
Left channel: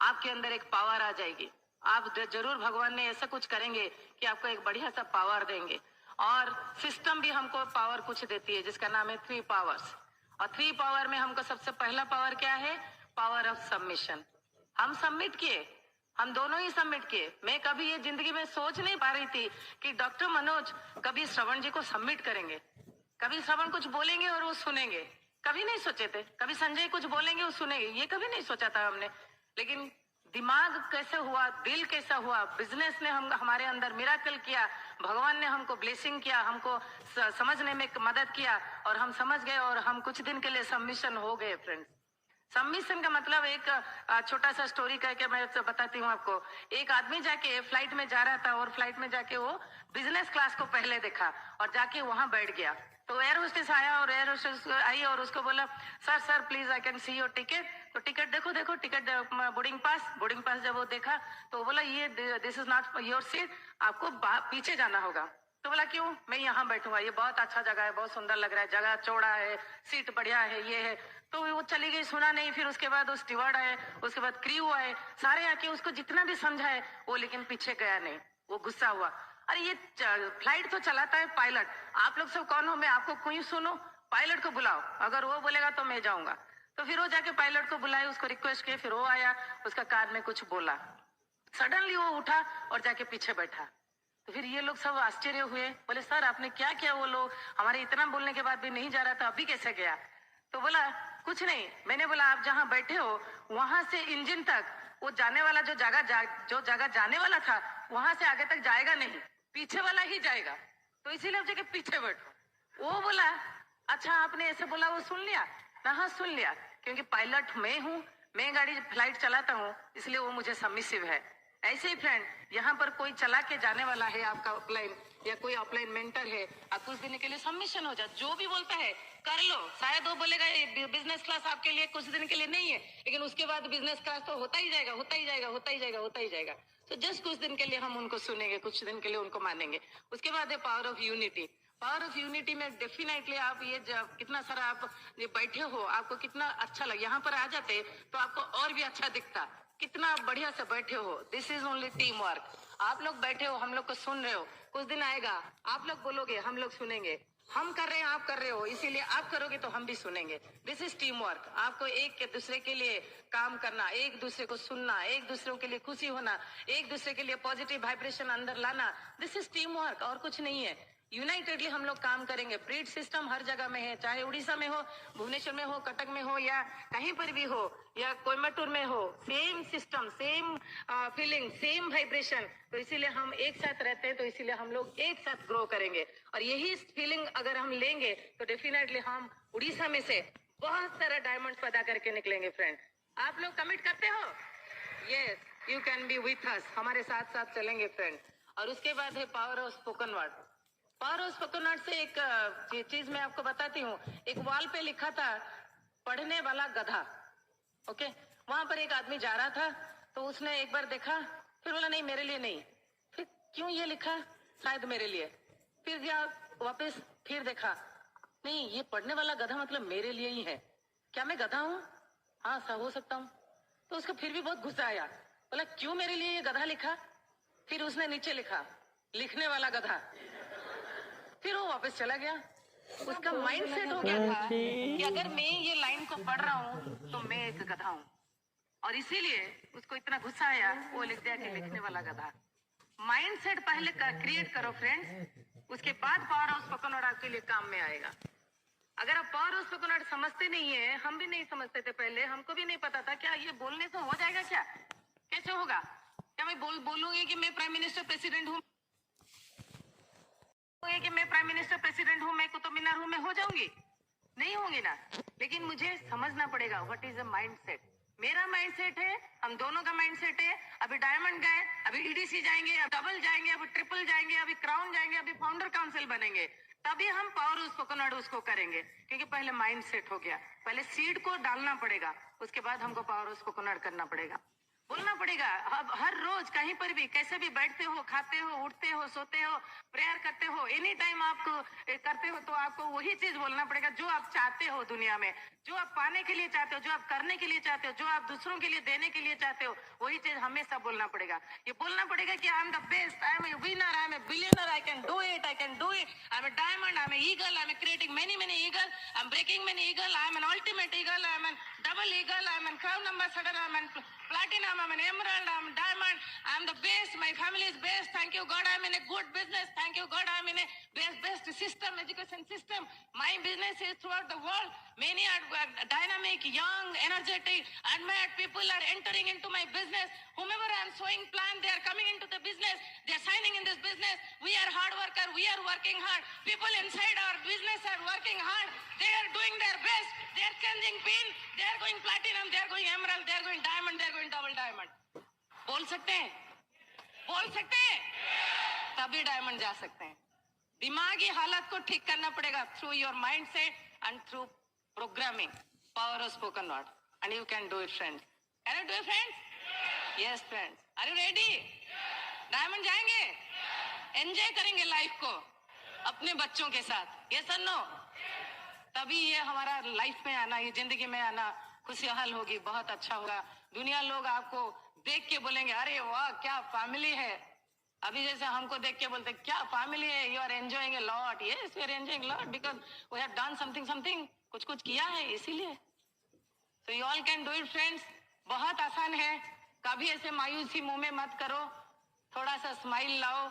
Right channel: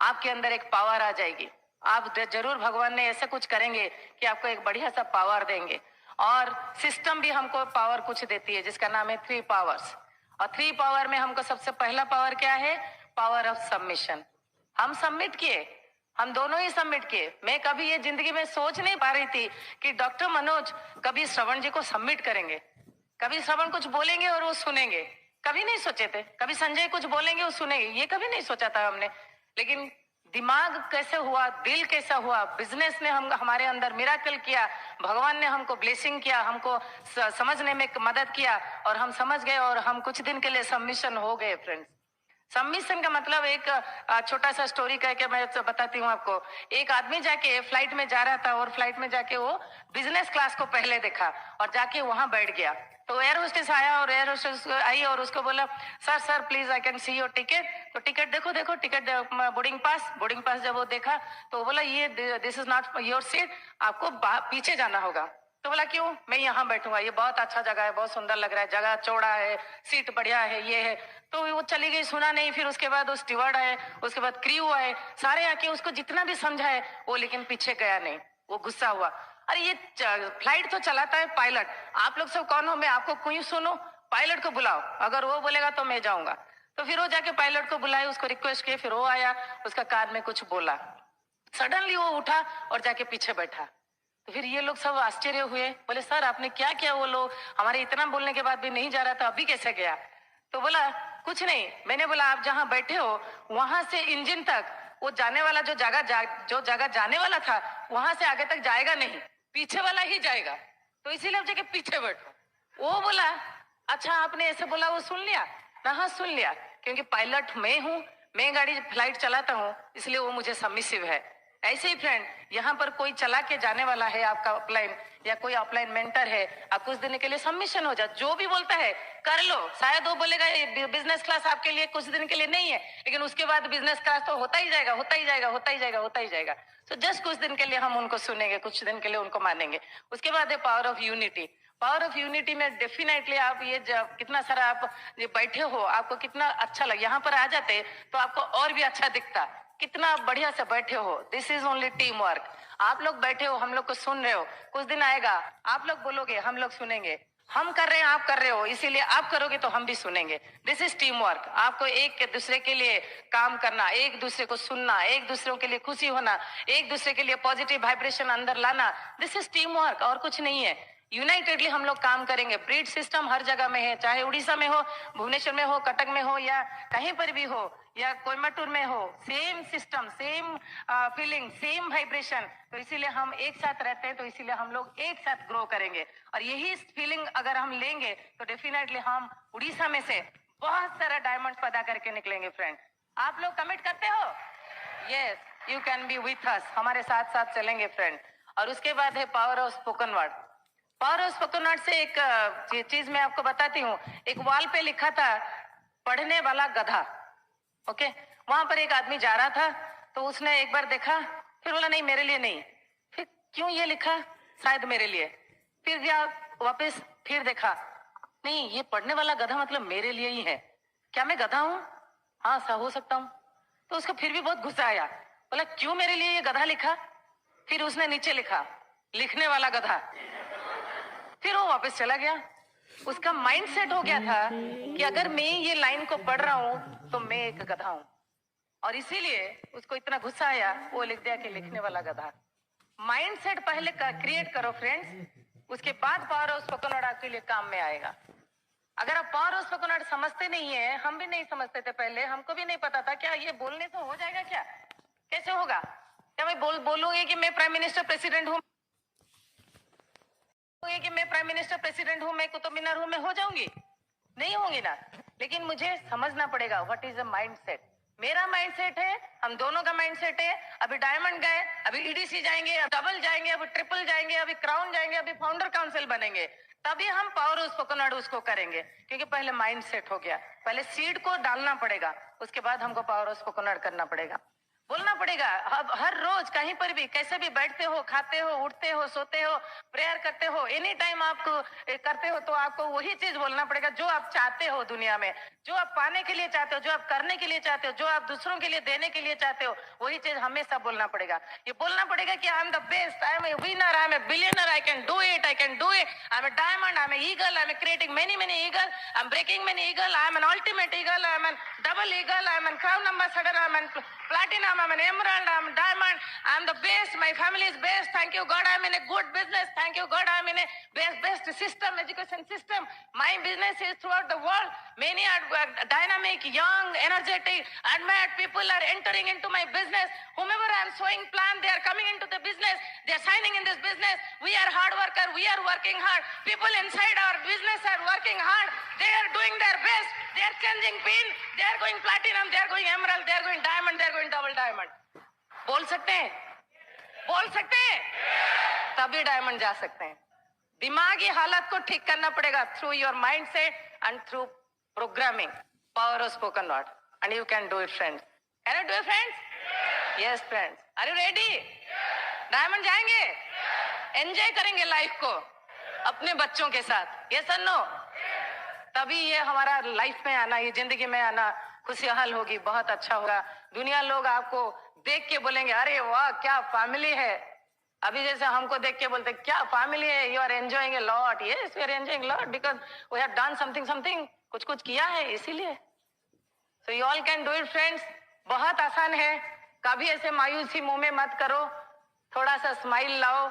आपके अंदर एक पावर आ जाएगी, आप जरूर भगवान ने ऐसा कुछ करेंगे कि आपको एक बढ़िया सा पावर देंगे। और सिस्टम भी हमको पावर कुछ देती है जिसका नाम है 3 पावर्स। और 3 पावर में हमको सबसे पहला पावर क्या है, पावर ऑफ सबमिशन। हम सबमिट किए, हम दोनों ही सबमिट किए। मैं कभी ये जिंदगी में सोच नहीं पा रही थी कि डॉक्टर मनोज कभी श्रवण जी को सबमिट करेंगे, कभी श्रवण कुछ बोलेंगे और वो सुनेंगे, कभी नहीं सोचे थे। कभी संजय कुछ बोलेंगे वो सुनेंगे, ये कभी नहीं सोचा था हमने। लेकिन दिमाग कैसे हुआ, दिल कैसा हुआ, बिजनेस ने हमारे अंदर मिराकल किया, भगवान ने हमको ब्लेसिंग किया, हमको समझने में मदद किया और हम समझ गए और हम कुछ दिन के लिए सबमिशन हो गए। फ्रेंड्स, सबमिशन का मतलब एक छोटा सा स्टोरी कह के मैं बताती हूँ आपको। एक आदमी जाके फ्लाइट में जा रहा था और फ्लाइट में जाके वो बिजनेस क्लास को पहले देखा और जाके वहां बैठ गया। तो एयर होस्टेस आया और एयर होस्टेस आई और उसको बोला, sir please I can see your ticket. तो टिकट देखो टिकट, बोर्डिंग पास जब वो देखा तो वो बोला ये this is not your seat, आपको पीछे जाना होगा। तो बोला क्यों, मैं यहाँ बैठूंगा, ये बहुत अच्छा जगह है, बहुत सुंदर लग रहा है, जगह चौड़ा है, सीट बढ़िया है, ये है। तो वो चली गई, सुना नहीं। फिर उसके बाद वो स्टीवर्ड आए, उसके बाद क्रू आए, सारे आके उसको जितना भी समझाए वो, लेकिन पीछे गया नहीं। वो गुस्सा हुआ, अरे ये फ्लाइट तो चलाता है पायलट, आप लोग सब कौन हो, मैं आपको क्यों सुनो, पायलट को बुलाओ, अगर वो बोलेगा तो मैं जाऊंगा। तो फिर वो जाके पायलट को बुलाए, उसको रिक्वेस्ट किए, फिर वो आया, उसका कान में कुछ बोला, सडनली वो उठा और जाके पीछे बैठा। तो फिर ये लोग सब आश्चर्य हुए, बोले सर आपने क्या किया, वो लोग हमारे इतना बोलने के बाद भी नहीं जा रहा था, अभी कैसे गया। तो बोला कुछ नहीं, मैंने बोला आप जहाँ बैठे हो वहां से इंजन तक, वो जाने वाला जो जगह जाने वाला था वहां से आगे तक जाएगा नहीं, पीछे वाला ही जाएगा, तो इसीलिए आप जगह पीछे बैठो। वो बोला अच्छा आपने ऐसे बोला, वो सुन लिया ना, हाँ सुन लिया, क्योंकि पायलट मैं हूँ, मैं गाड़ी फ्लाइट चलाता हूँ, इसलिए वो मुझे सबमिसिव है। ऐसे ही फ्रेंड, यहाँ पर कोई चला के जाने वाला है आपका अपलाइन, या कोई अपलाइन मेंटर है, आप कुछ दिन के लिए सबमिशन हो जाए, जो भी बोलता है कर लो। शायद वो बोलेगा बिजनेस क्लास आपके लिए कुछ दिन के लिए नहीं है, लेकिन उसके बाद बिजनेस क्लास तो होता ही जाएगा, होता ही जाएगा, होता ही जाएगा, होता ही जाएगा। तो जस्ट कुछ दिन के लिए हम उनको सुनेंगे, कुछ दिन के लिए उनको मानेंगे। उसके बाद है power of unity. Power of unity में डेफिनेटली आप ये कितना सारा आप ये बैठे हो, आपको कितना अच्छा लगे, यहाँ पर आ जाते तो आपको और भी अच्छा दिखता, कितना बढ़िया से बैठे हो। This is only team work. आप लोग बैठे हो, हम लोग को सुन रहे हो, कुछ दिन आएगा आप लोग बोलोगे, हम लोग सुनेंगे, हम कर रहे हैं आप कर रहे हो, इसीलिए आप करोगे तो हम भी सुनेंगे। This is team work. आपको एक दूसरे के लिए काम करना, एक दूसरे को सुनना, एक दूसरे के लिए खुशी होना, एक दूसरे के लिए पॉजिटिव वाइब्रेशन अंदर लाना, दिस इज टीम वर्क, और कुछ नहीं है। यूनाइटेडली हम लोग काम करेंगे। ब्रीड सिस्टम हर जगह में है, चाहे उड़ीसा में हो, भुवनेश्वर में हो, कटक में हो, या कहीं पर भी हो, या कोयम्बटूर में हो, same system, same feeling, same vibration. तो इसीलिए हम एक साथ रहते हैं, तो इसीलिए हम लोग एक साथ ग्रो करेंगे। और यही फीलिंग अगर हम लेंगे तो डेफिनेटली हम उड़ीसा में से बहुत सारा डायमंड पैदा करके निकलेंगे। फ्रेंड, आप लोग कमिट करते हो? Yes, you can be with us, हमारे साथ साथ चलेंगे फ्रेंड। और उसके बाद है power of spoken word. Power of spoken word से एक चीज मैं आपको बताती हूँ। एक वॉल पे लिखा था पढ़ने वाला गधा। ओके, वहां पर एक आदमी जा रहा था, तो उसने एक बार देखा, फिर बोला नहीं मेरे लिए नहीं, फिर क्यों ये लिखा, शायद मेरे लिए, फिर गया वापस, फिर देखा नहीं ये पढ़ने वाला गधा मतलब मेरे लिए ही है, क्या मैं गधा हूँ? हाँ सा हो सकता हूँ। तो उसको फिर भी बहुत गुस्सा आया, बोला क्यों मेरे लिए ये गधा लिखा? फिर उसने नीचे लिखा लिखने वाला गधा। फिर वो वापस चला गया। उसका माइंड सेट हो गया था कि अगर मैं ये लाइन को पढ़ रहा हूँ तो मैं एक गधा हूँ, और इसीलिए उसको इतना गुस्सा आया, वो लिख दिया कि लिखने वाला गधा। माइंड सेट पहले क्रिएट करो फ्रेंड्स, उसके बाद पावर ऑफ स्पोकन वर्ड आपके लिए काम में आएगा। अगर आप पावर ऑफ स्पोकन वर्ड समझते नहीं है, हम भी नहीं समझते थे पहले, हमको भी नहीं पता था क्या ये बोलने से हो जाएगा, क्या कैसे होगा, क्या मैं बोलूंगी कि मैं प्राइम मिनिस्टर प्रेसिडेंट हूँ, कि मैं प्राइम मिनिस्टर प्रेसिडेंट हूँ, मैं कुतुब मीनार हूँ, मैं हो जाऊंगी? नहीं होंगी ना। लेकिन मुझे समझना पड़ेगा what is a mind set. मेरा माइंड सेट है, हम दोनों का माइंड सेट है। अभी डायमंड गए, अभी ईडीसी जाएंगे, अब डबल जाएंगे, अभी ट्रिपल जाएंगे, अभी क्राउन जाएंगे, अभी फाउंडर काउंसिल बनेंगे, तभी हम पावर ऑफ स्पोकन वर्ड उसको करेंगे, क्योंकि पहले माइंड सेट हो गया। पहले सीड को डालना पड़ेगा, उसके बाद हमको पावर ऑफ स्पोकन वर्ड करना पड़ेगा, बोलना पड़ेगा। अब हर रोज कहीं पर भी कैसे भी बैठते हो, खाते हो, उठते हो, सोते हो, प्रेयर करते हो, एनी टाइम आपको करते हो, तो आपको वही चीज बोलना पड़ेगा जो आप चाहते हो दुनिया में, जो आप पाने के लिए चाहते हो, जो आप करने के लिए चाहते हो, जो आप दूसरों के लिए देने के लिए चाहते हो, वही चीज हमेशा बोलना पड़ेगा। ये बोलना पड़ेगा कि I am the best, I am a winner, I am a billionaire, I can do it, I can do it, I am a diamond, I am a eagle, I am creating many many eagle, I am breaking many eagle, I am an ultimate eagle, I am an double eagle, I am an crown ambassador, I am an platinum, I'm an emerald, I'm a diamond, I'm the best, my family is best, thank you God, I'm in a good business, thank you God, I'm in a best system, education system, my business is throughout the world, many are dynamic, young, energetic, admired people are entering into my business, whomever I'm showing plan, they are coming into the business, they are signing in this business, we are hard worker, we are working hard, people inside our business are working hard, they are doing their best, they are changing pin, they are going platinum, they are going emerald, they are going diamond, they are going double diamond. बोल सकते हैं, बोल सकते हैं, तभी diamond जा सकते हैं। दिमागी हालत को ठीक करना पड़ेगा through your mind set and through programming, power of spoken word, and you can do it friends. Can you do it friends? Yes friends, are you ready? Diamond जाएंगे? एंजॉय करेंगे लाइफ को अपने बच्चों के साथ, ये सर नो, तभी ये हमारा लाइफ में आना, ये जिंदगी में आना खुशहाल होगी, बहुत अच्छा होगा। दुनिया लोग आपको देख के बोलेंगे अरे वाह क्या फैमिली है। अभी जैसे हमको देख के बोलते क्या फैमिली है, you are enjoying a lot. Yes we are enjoying lot because we have done something something, कुछ कुछ किया है इसीलिए। So you all can do it friends, बहुत आसान है। कभी ऐसे मायूसी मुंह में मत करो, थोड़ा सा स्माइल लाओ,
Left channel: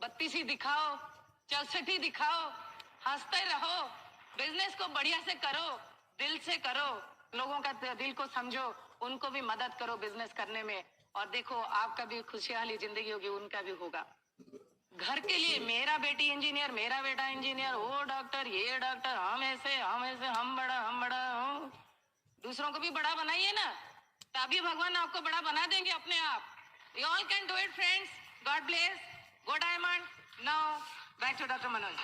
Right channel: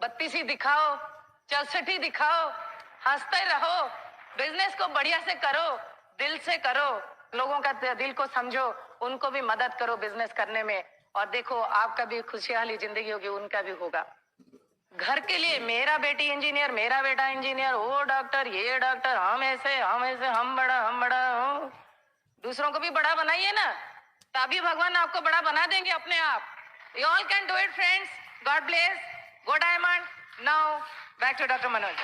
बत्ती सी दिखाओ, चौसठी दिखाओ, हंसते रहो, बिजनेस को बढ़िया से करो, दिल से करो, लोगों का दिल को समझो, उनको भी मदद करो बिजनेस करने में, और देखो आपका भी खुशहाली जिंदगी होगी, उनका भी होगा। घर के लिए मेरा बेटी इंजीनियर, मेरा बेटा इंजीनियर, वो डॉक्टर, ये डॉक्टर, हम ऐसे हम बड़ा हूँ। दूसरों को भी बड़ा बनाइए ना, तभी भगवान आपको बड़ा बना देंगे अपने आप। You all can do it friends, God bless, go diamond. Now back to doctor Manoj.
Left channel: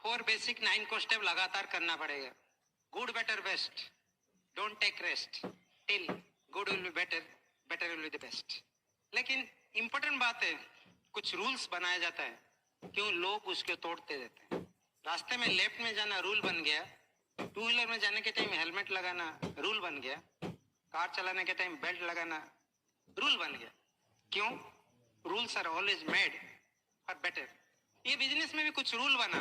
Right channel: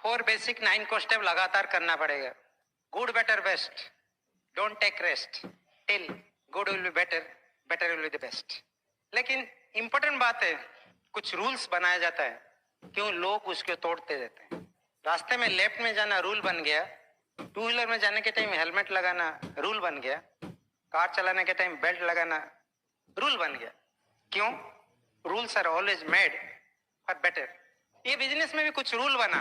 Four basic 9 को स्टेप लगातार करना पड़ेगा। Good better best, don't take rest till good will be better, better will be the best. लेकिन important बात है, कुछ rules बनाया जाता है, क्यों लोग उसको तोड़ते रहते हैं। रास्ते में लेफ्ट में जाना रूल बन गया, टू व्हीलर में जाने के टाइम हेलमेट लगाना रूल बन गया, कार चलाने के टाइम बेल्ट लगाना रूल बन गया। क्यों? Rules are always made for better. ये बिजनेस में भी कुछ रूल बना।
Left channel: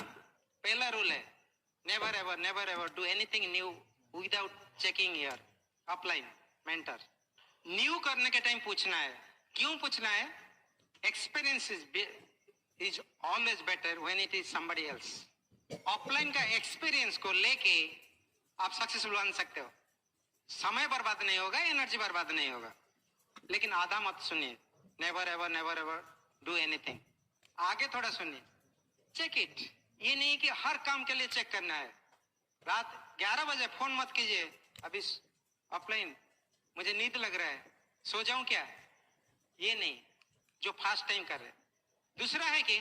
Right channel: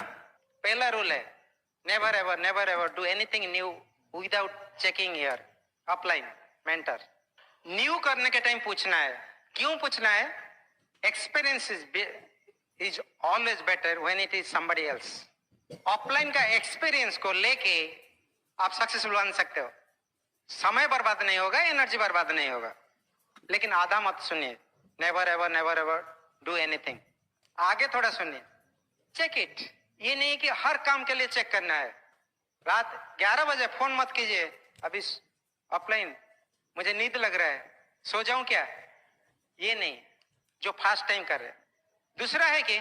पहला रूल है never ever do anything new without checking your upline mentor. New करने के टाइम पूछना है। क्यों पूछना है? Experience is always better when it is somebody else. Offline का एक्सपीरियंस को लेके आप सक्सेसफुल बन सकते हो। समय बर्बाद नहीं होगा, एनर्जी बर्बाद नहीं होगा। लेकिन आधा मत सुनिए, नेवर एवर डू एनीथिंग। आगे थोड़ा सुनिए, चेक इट। ये नहीं कि हर काम के लिए चेक करना है। रात 11 बजे फोन मत कीजिए, अभी ऑफलाइन मुझे नींद लग रहा है, सो जाऊं क्या? ये नहीं, जो फास्ट टाइम कर रहे। दूसरा है कि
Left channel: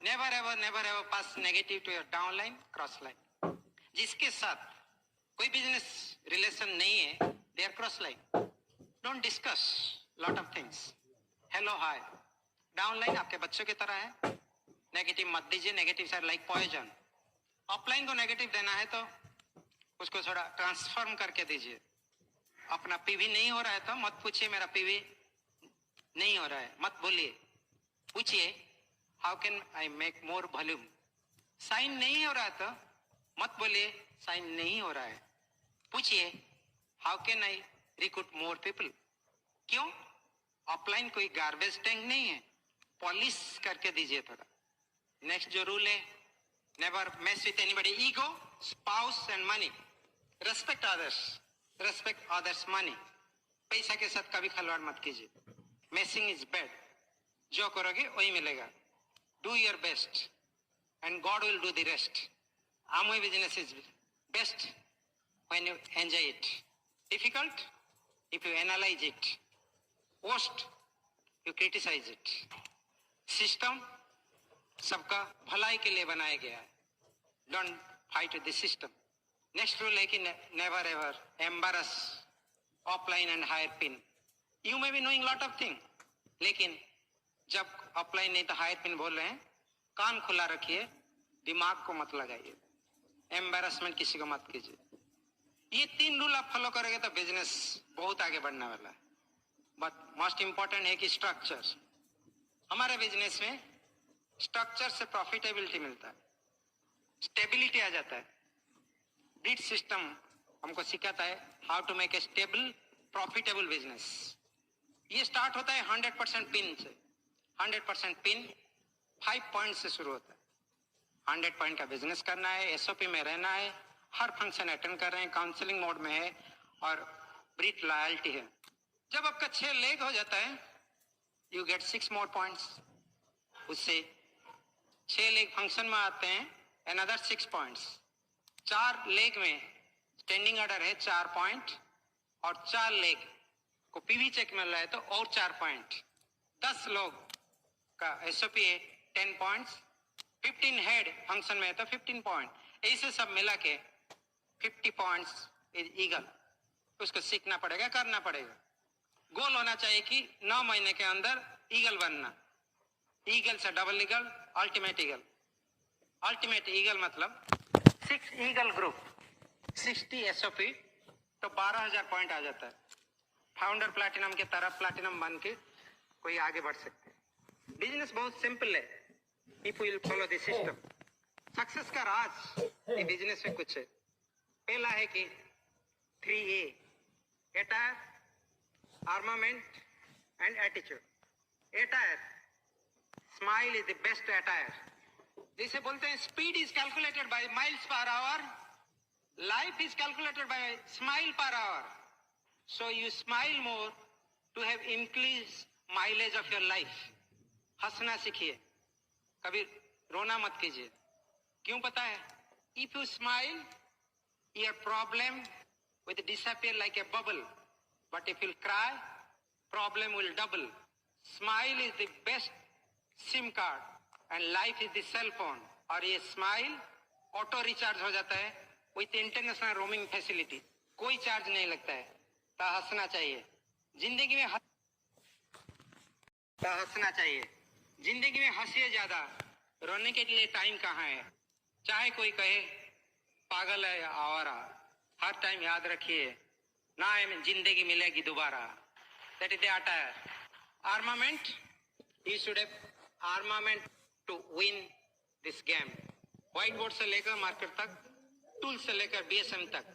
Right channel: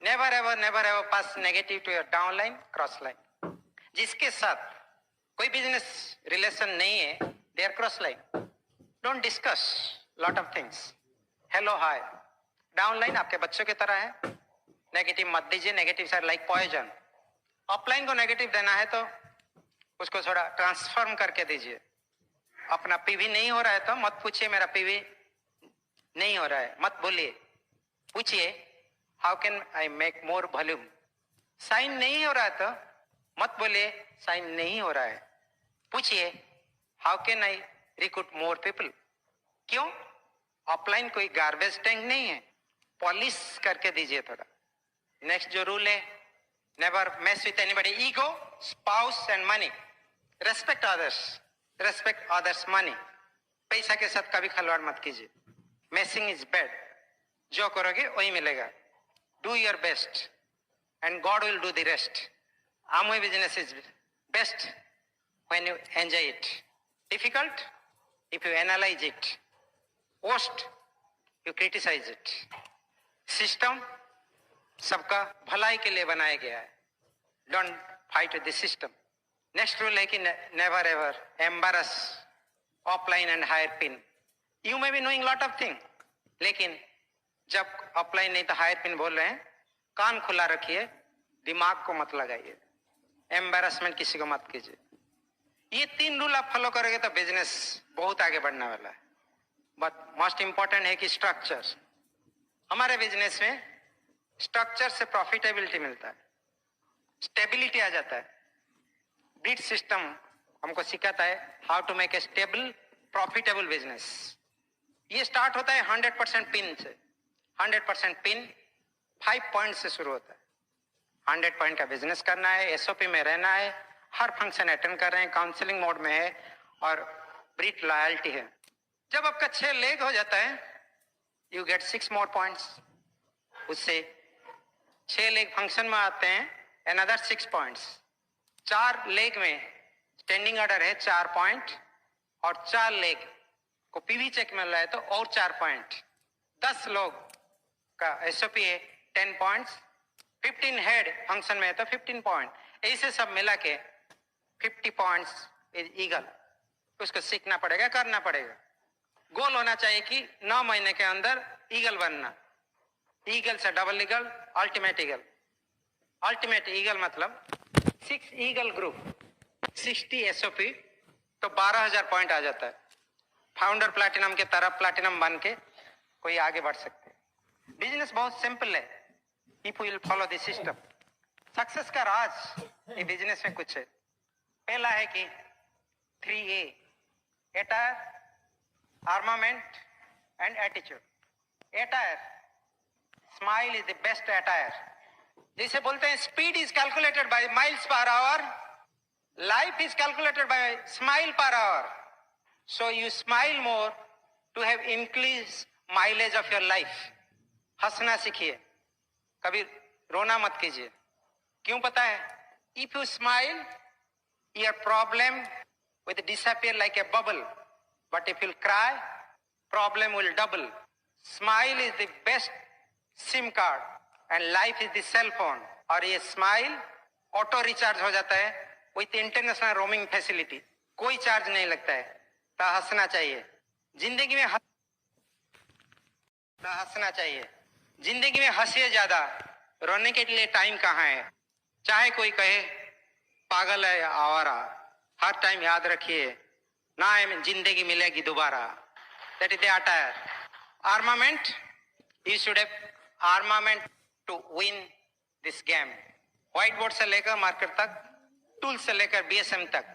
never ever pass negative to your down line cross line. जिसके साथ कोई बिजनेस रिलेशन नहीं है, there cross line. Don't discuss lot of things. Hello hi, down line आपके बच्चों की तरह है, नेगेटिव मत दीजिए। Negative sir like poison. Offline को नेगेटिव देना है तो उसको थोड़ा ट्रांसफॉर्म करके दीजिए। अपना पीवी नहीं हो रहा है तो मत पूछिए मेरा पीवी नहीं हो रहा है, मत बोलिए। पूछिए how can I make more volume. Sign नहीं हो रहा है तो मत बोलिए साइन नहीं हो रहा है। पूछिए how can I recruit more people. क्यों? ऑफलाइन कोई गार्बेज टैंक नहीं है, पॉलिश करके दीजिए थोड़ा। नेक्स्ट जो रूल है, never mess with anybody ego, spouse and money. Respect others money. पैसा के साथ कभी खिलवाड़ मत कीजिए। Messing is bad. जो करोगे वही मिलेगा। Do your best and God will do the rest. Amway business is best when you enjoy it. Difficult if you analyze it. Worst you criticize it. System सबका भलाई के लिए बनाया गया है। Don't fight with the system. Next rule है कि never ever embarrass offline and higher pin. You may be knowing lot of things, लेकिन जब offline नहीं तो higher pin बोल रहे हैं, कान खुला रखिए, दिमाग को मत लगाइए। एम्बैरेसमेंट किसी को मत कीजिए। ये 3 रूल आप फॉलो करोगे तो बिजनेस बहुत आगे बढ़ने वाला है। बट मोस्ट इंपॉर्टेंट है कि स्ट्रक्चर। हमारे बिजनेस में स्ट्रक्चर से प्रॉफिटेबिलिटी मिलता है, स्टेबिलिटी आ जाता है। बीट सिस्टम हमको सिखाता है how to make a stable profitable business. ये स्टार्ट होता है 100% पिन से। 100% पिन 5 पॉइंट से शुरू होता है। 100 पॉइंट का बिजनेस करना है, एसओपी में रहना है, हर फंक्शन अटेंड कर रहे हैं, काउंसलिंग मोड में है और ब्रीट लॉयल्टी है। जब आपका 6 लेग हो जाता है, यू गेट 6 मोर पॉइंट्स। उससे 6 लेग फंक्शन में आते हैं, अनदर 6 पॉइंट्स। 4 लेग में स्टैंडिंग ऑर्डर है 4 पॉइंट, और 4 लेग को पीवी चेक मिल रहा है तो और 4 पॉइंट। 10 लोग का एसओपी है 10 पॉइंट्स। 15 हेड फंक्शन में है तो 15 पॉइंट। ऐसे सब मिला के 50 पॉइंट्स ईगल, उसको सीखना पड़ेगा, करना पड़ेगा। गोल होना चाहिए कि 9 महीने के अंदर ईगल बनना। ईगल से double eagle, ultimate eagle. Ultimate eagle मतलब 6 ईगल ग्रुप, 60 SOP, तो 12,000 पॉइंट आ जाता है। फाउंडर प्लैटिनम के तरफ प्लैटिनम बन के कोई आगे बढ़ सकते हैं। बिजनेस बहुत सिंपल है, if will follow this system. Success का राज ये बिजनेस में कुछ है। पहला है कि 3A, attire, armament and attitude. Attire, smile is the best attire. जिसे बोलते हैं speed is calculated by miles per hour, life is calculated by smile per hour. So you smile more to have increase mileage of your life. हंसना सीखिए, कभी रोना मत कीजिए। क्यों पता है? If you smile, your problem will disappear like a bubble, but if you cry, problem will double. Smile is the best SIM card and life is the cell phone. और ये स्माइल ऑटो रिचार्ज हो जाता है with international roaming facility, कोई charge नहीं लगता है। तो हंसना चाहिए जिंदगी में, तो हंसना चाहिए जिंदगी में। हंसिए ज्यादा, रोने के लिए टाइम कहाँ है। चाहे कोई कहे पागल है या आवारा, हर टाइम याद रखिए ना जिंदगी मिलेगी दोबारा। That is the attire. Armament, you should have armament to win this game. White board से लेकर मार्केट तक, टूल से लेकर BSM तक,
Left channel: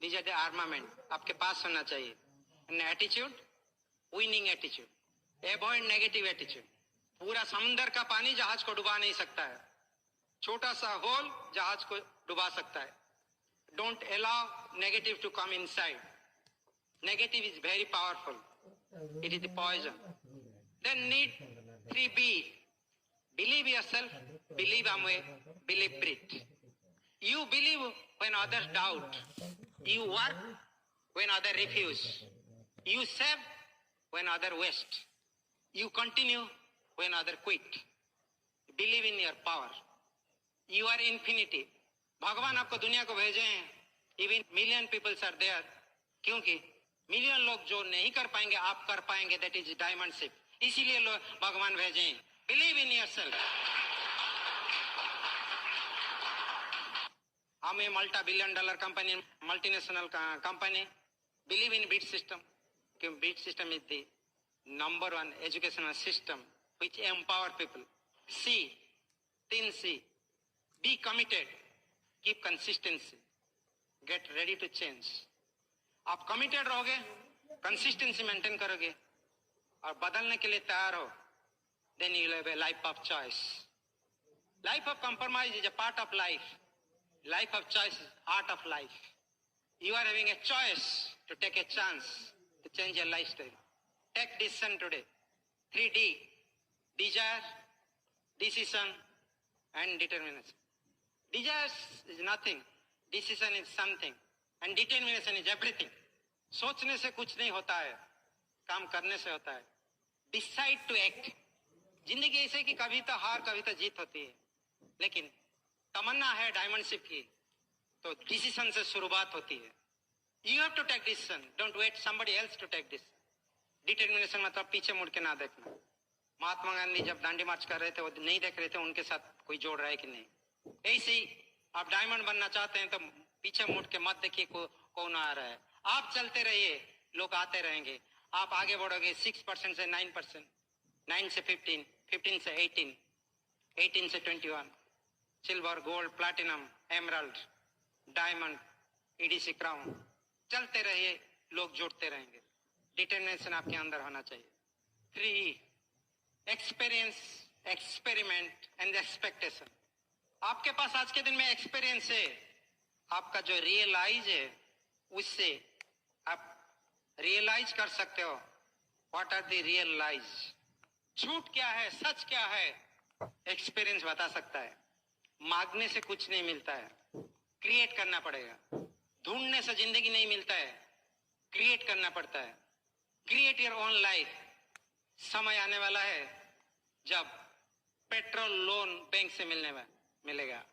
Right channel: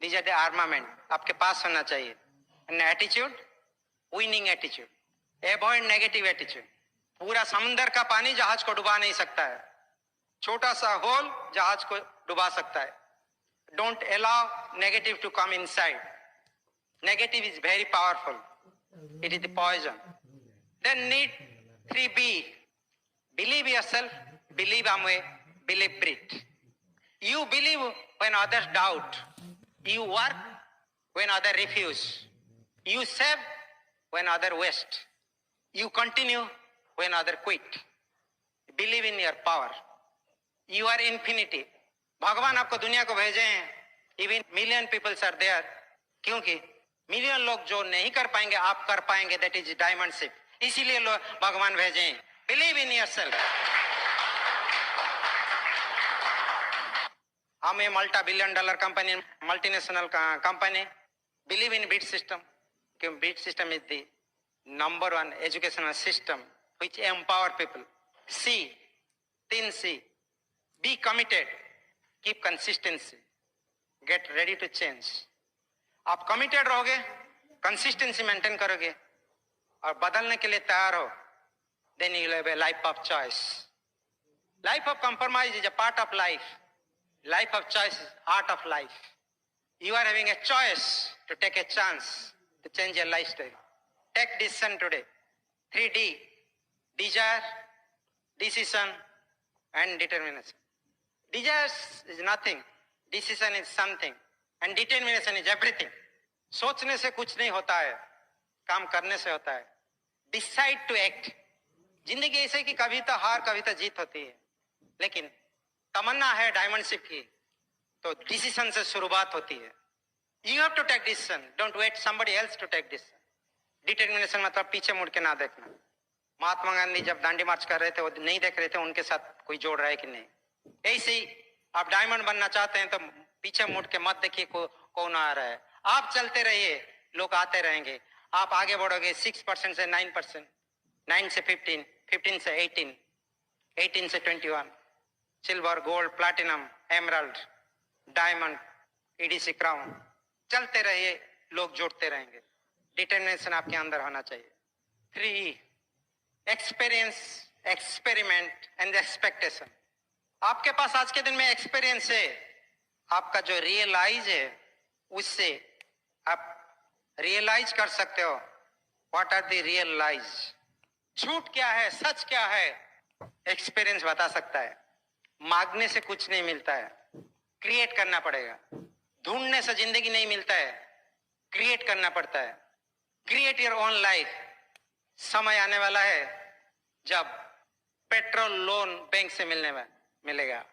दीज आर द आर्मामेंट आपके पास होना चाहिए। And attitude, winning attitude, avoid negative attitude. पूरा समुंदर का पानी जहाज को डुबा नहीं सकता है, छोटा सा होल जहाज को डुबा सकता है। Don't allow negative to come inside. Negative is very powerful, it is the poison. Then need 3B, believe yourself, believe Amway, believe breathe. You believe when others doubt. You work when others refuse. You save when others waste. You continue when others quit. Believe in your power. You are infinity. भगवान आपको दुनिया को भेजे हैं, even million people are there. क्योंकि million लोग जो नहीं कर पाएंगे आप कर पाएंगे, that is diamond ship. इसीलिए लोग भगवान भेजे हैं। Believe in yourself. हम ये $multi-billion company, multinational company, believe in beat system, क्योंकि beat system is the number 1 educational system which empower people. C, 3C, be committed, keep consistency, get ready to change. आप committed रहोगे, consistency maintain करोगे और बदलने के लिए तैयार हो, then you have a life of choice. Life of compromise is a part of life. Life of choice is art of life. You are having a choice to take a chance to change your lifestyle. Take decision today. 3D, desire, decision and determination. Desire is nothing, decision is something and determination is everything. सोचने से कुछ नहीं होता है, काम करने से होता है। Decide to act. जिंदगी ऐसे कि कभी तो हार कभी तो जीत होती है, लेकिन तमन्ना है डायमंड शिप की तो डिसीजन से शुरुआत होती है। You have to take decision, don't wait somebody else to take decision. Determination मतलब पीछे मुड़ के ना देखना। महात्मा गांधी जब दांडी मार्च कर रहे थे वो नहीं देख रहे थे उनके साथ कोई जोड़ रहा है कि नहीं। ऐसे ही आप डायमंड बनना चाहते हैं तो पीछे मुड़ के मत देखिए कौन आ रहा है, आप चलते रहिए, लोग आते रहेंगे। आप आगे बढ़ोगे 6% से 9%, 9 से 15, 15 से 18, 18 से 21, silver, gold, platinum, emerald, diamond, EDC crown, चलते रहिए, लोग जुड़ते रहेंगे। डिटरमिनेशन आपके अंदर होना चाहिए। 3E, experience, experiment and expectation. आपके पास आज के दिन में एक्सपीरियंस है, आपका जो रियलाइज है उससे आप रियलाइज कर सकते हो व्हाट आर द रियलाइज। झूठ क्या है, सच क्या है, एक्सपीरियंस बता सकता है। मांगने से कुछ नहीं मिलता है, क्रिएट करना पड़ेगा। ढूंढने से जिंदगी नहीं मिलता है, क्रिएट करना पड़ता है। Create your own life. समय आने वाला है जब पेट्रोल लोन बैंक से मिलेगा।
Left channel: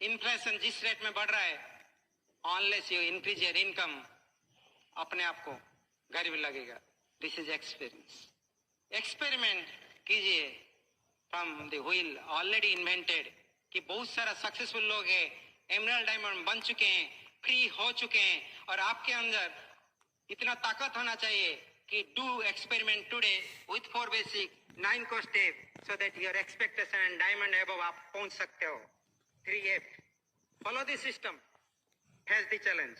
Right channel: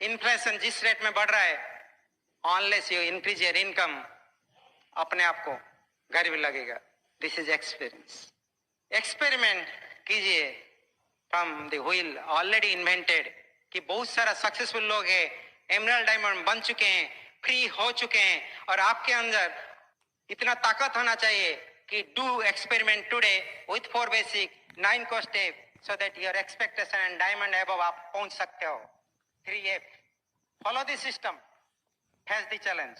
इन्फ्लेशन जिस रेट में बढ़ रहा है, unless you increase your income, अपने आप को गरीब लगेगा। This is experience. एक्सपेरिमेंट कीजिए from the wheel already invented, कि बहुत सारा सक्सेसफुल लोग हैं, एमरल्ड डायमंड बन चुके हैं, फ्री हो चुके हैं, और आपके अंदर इतना ताकत होना चाहिए कि do experiment today with 4 basic 9 को step, so that your expectation and diamond above आप पहुंच सकते हो। 3 follow the system, face the challenge,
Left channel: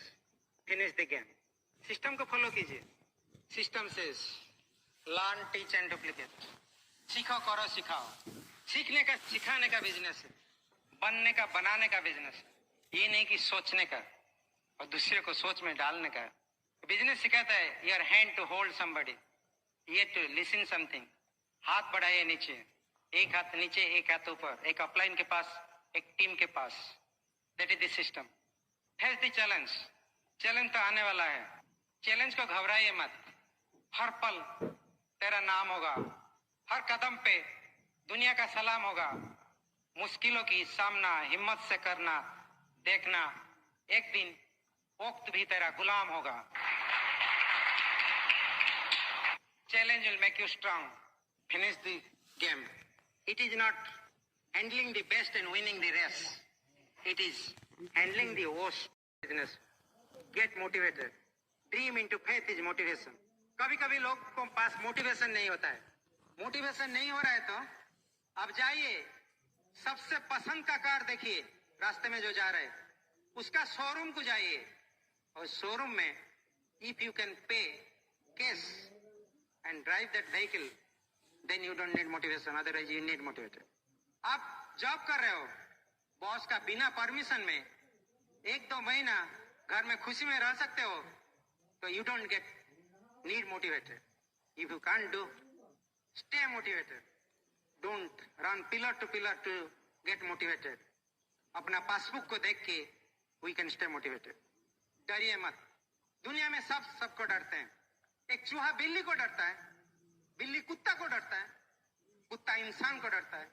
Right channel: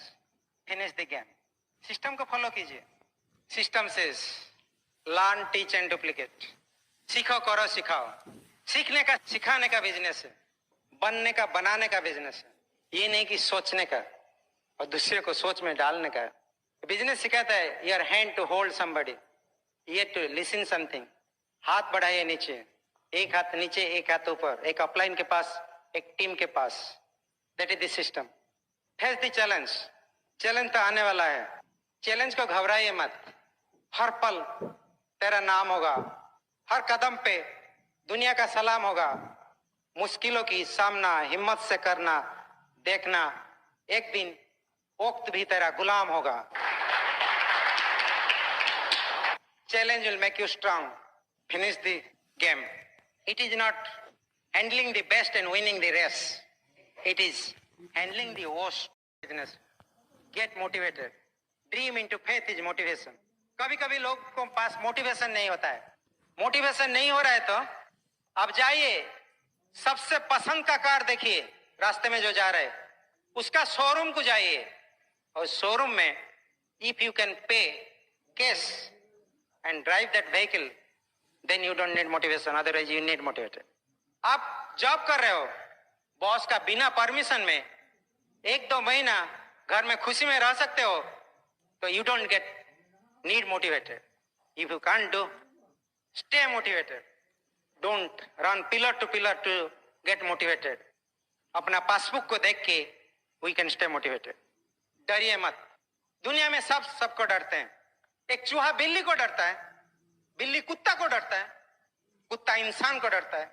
finish the game. System को फॉलो कीजिए। सिस्टम से लर्न, टीच एंड डुप्लीकेट। सीखो, करो, सिखाओ। सीखने का, सिखाने का बिजनेस है, बनने का, बनाने का बिजनेस है। ये नहीं कि सोचने का और दूसरे को सोच में डालने का। बिजनेस सिखाता है your hand to hold somebody, ये टू लिसन समथिंग। हाथ बढ़ाइए नीचे, एक हाथ नीचे, एक हाथ ऊपर, एक अपलाइन के पास, एक टीम के पास। That is the system. Face the challenge. Challenge तो आने वाला है, चैलेंज को घबराइए मत। हर पल तेरा नाम होगा, हर कदम पे दुनिया का सलाम होगा। मुश्किलों की सामना हिम्मत से करना, देखना एक दिन वक्त भी तेरा गुलाम होगा। Challenge will make you strong. Finish the game. It is not handling the best and winning the race. It is handling the worst business. Get motivated. Dream into faith is motivation. कभी कभी लोग को पास motivation नहीं होता है। Motivation नहीं हो रहा है तो अब जाइए, सबसे पसंद का कार देखिए रास्ते में जो जा रहे हैं, उसका शोरूम को जाइए, और शोरूम में if you can pay cash and drive that vehicle, then you don't need motivation, otherwise you need motivated. आप जॉब कर रहे हो, बॉस का बिना परमिशन में 1-2 महीना घर में खुशी में रह सकते हो, तो you don't need motivated. If you can't do, stay motivated. Don't run pillar to pillar to get motivated. अपना पासबुक को देख के we can stay motivated. डरिए मत। दुनिया में सबको डरते हैं। एक चूहा बिल्ली को डरता है, बिल्ली कुत्ता को डरता है, कुत्ता इंसान को डरता है,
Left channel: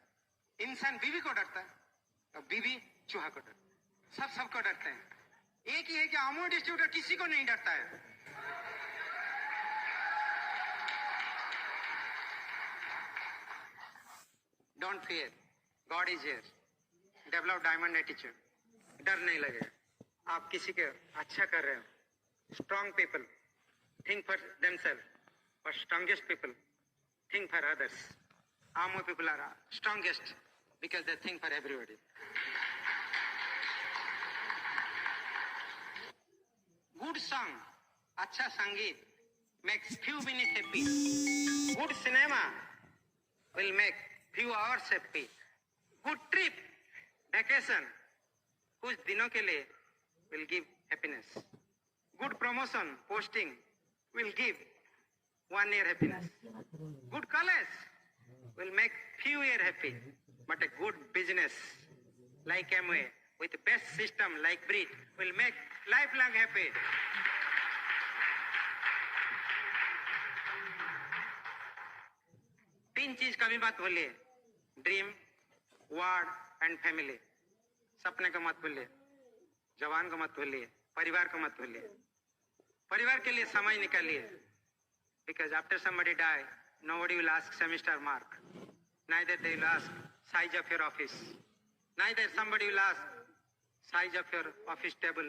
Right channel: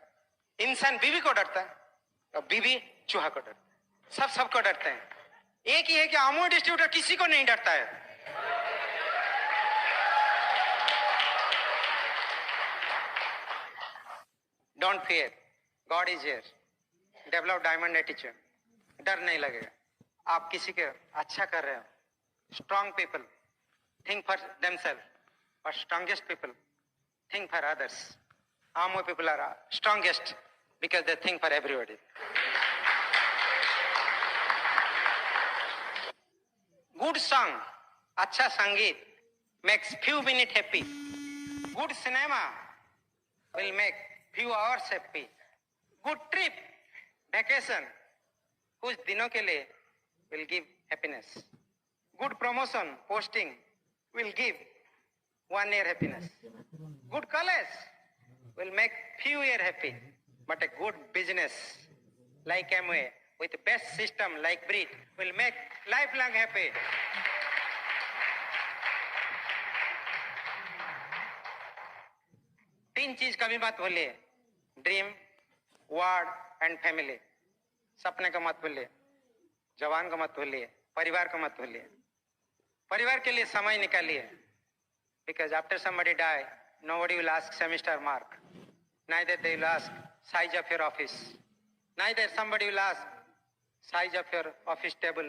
इंसान बीवी को डरता है, और बीवी चूहा को डरता है। सबको डरते हैं। एक ही है कि अमूल डिस्ट्रीब्यूटर किसी को नहीं डरता है। Don't fear, God is here. Develop diamond attitude. डर नहीं लगेगा। आप किसी के अच्छा कर रहे हो। Strong people think for themselves, but strongest people think for others. Ammo people are strongest because they think for everybody. Good song, अच्छा संगीत makes few minutes happy. Good cinema will make few hours happy. Good trip, vacation, कुछ दिनों के लिए will give happiness. Good promotion, posting will give 1 year happiness. Good college will make few year happy, but a good business like Amway with best system like Brit will make lifelong happy. तीन चीज कभी मत भूलिए, dream, word and family. सपने को मत भूलिए, जवान को मत भूलिए, परिवार को मत भूलिए। परिवार के लिए समय निकालिए, because after somebody die, nobody will ask semester mark, neither they will ask size of your office, neither somebody will ask size of your office table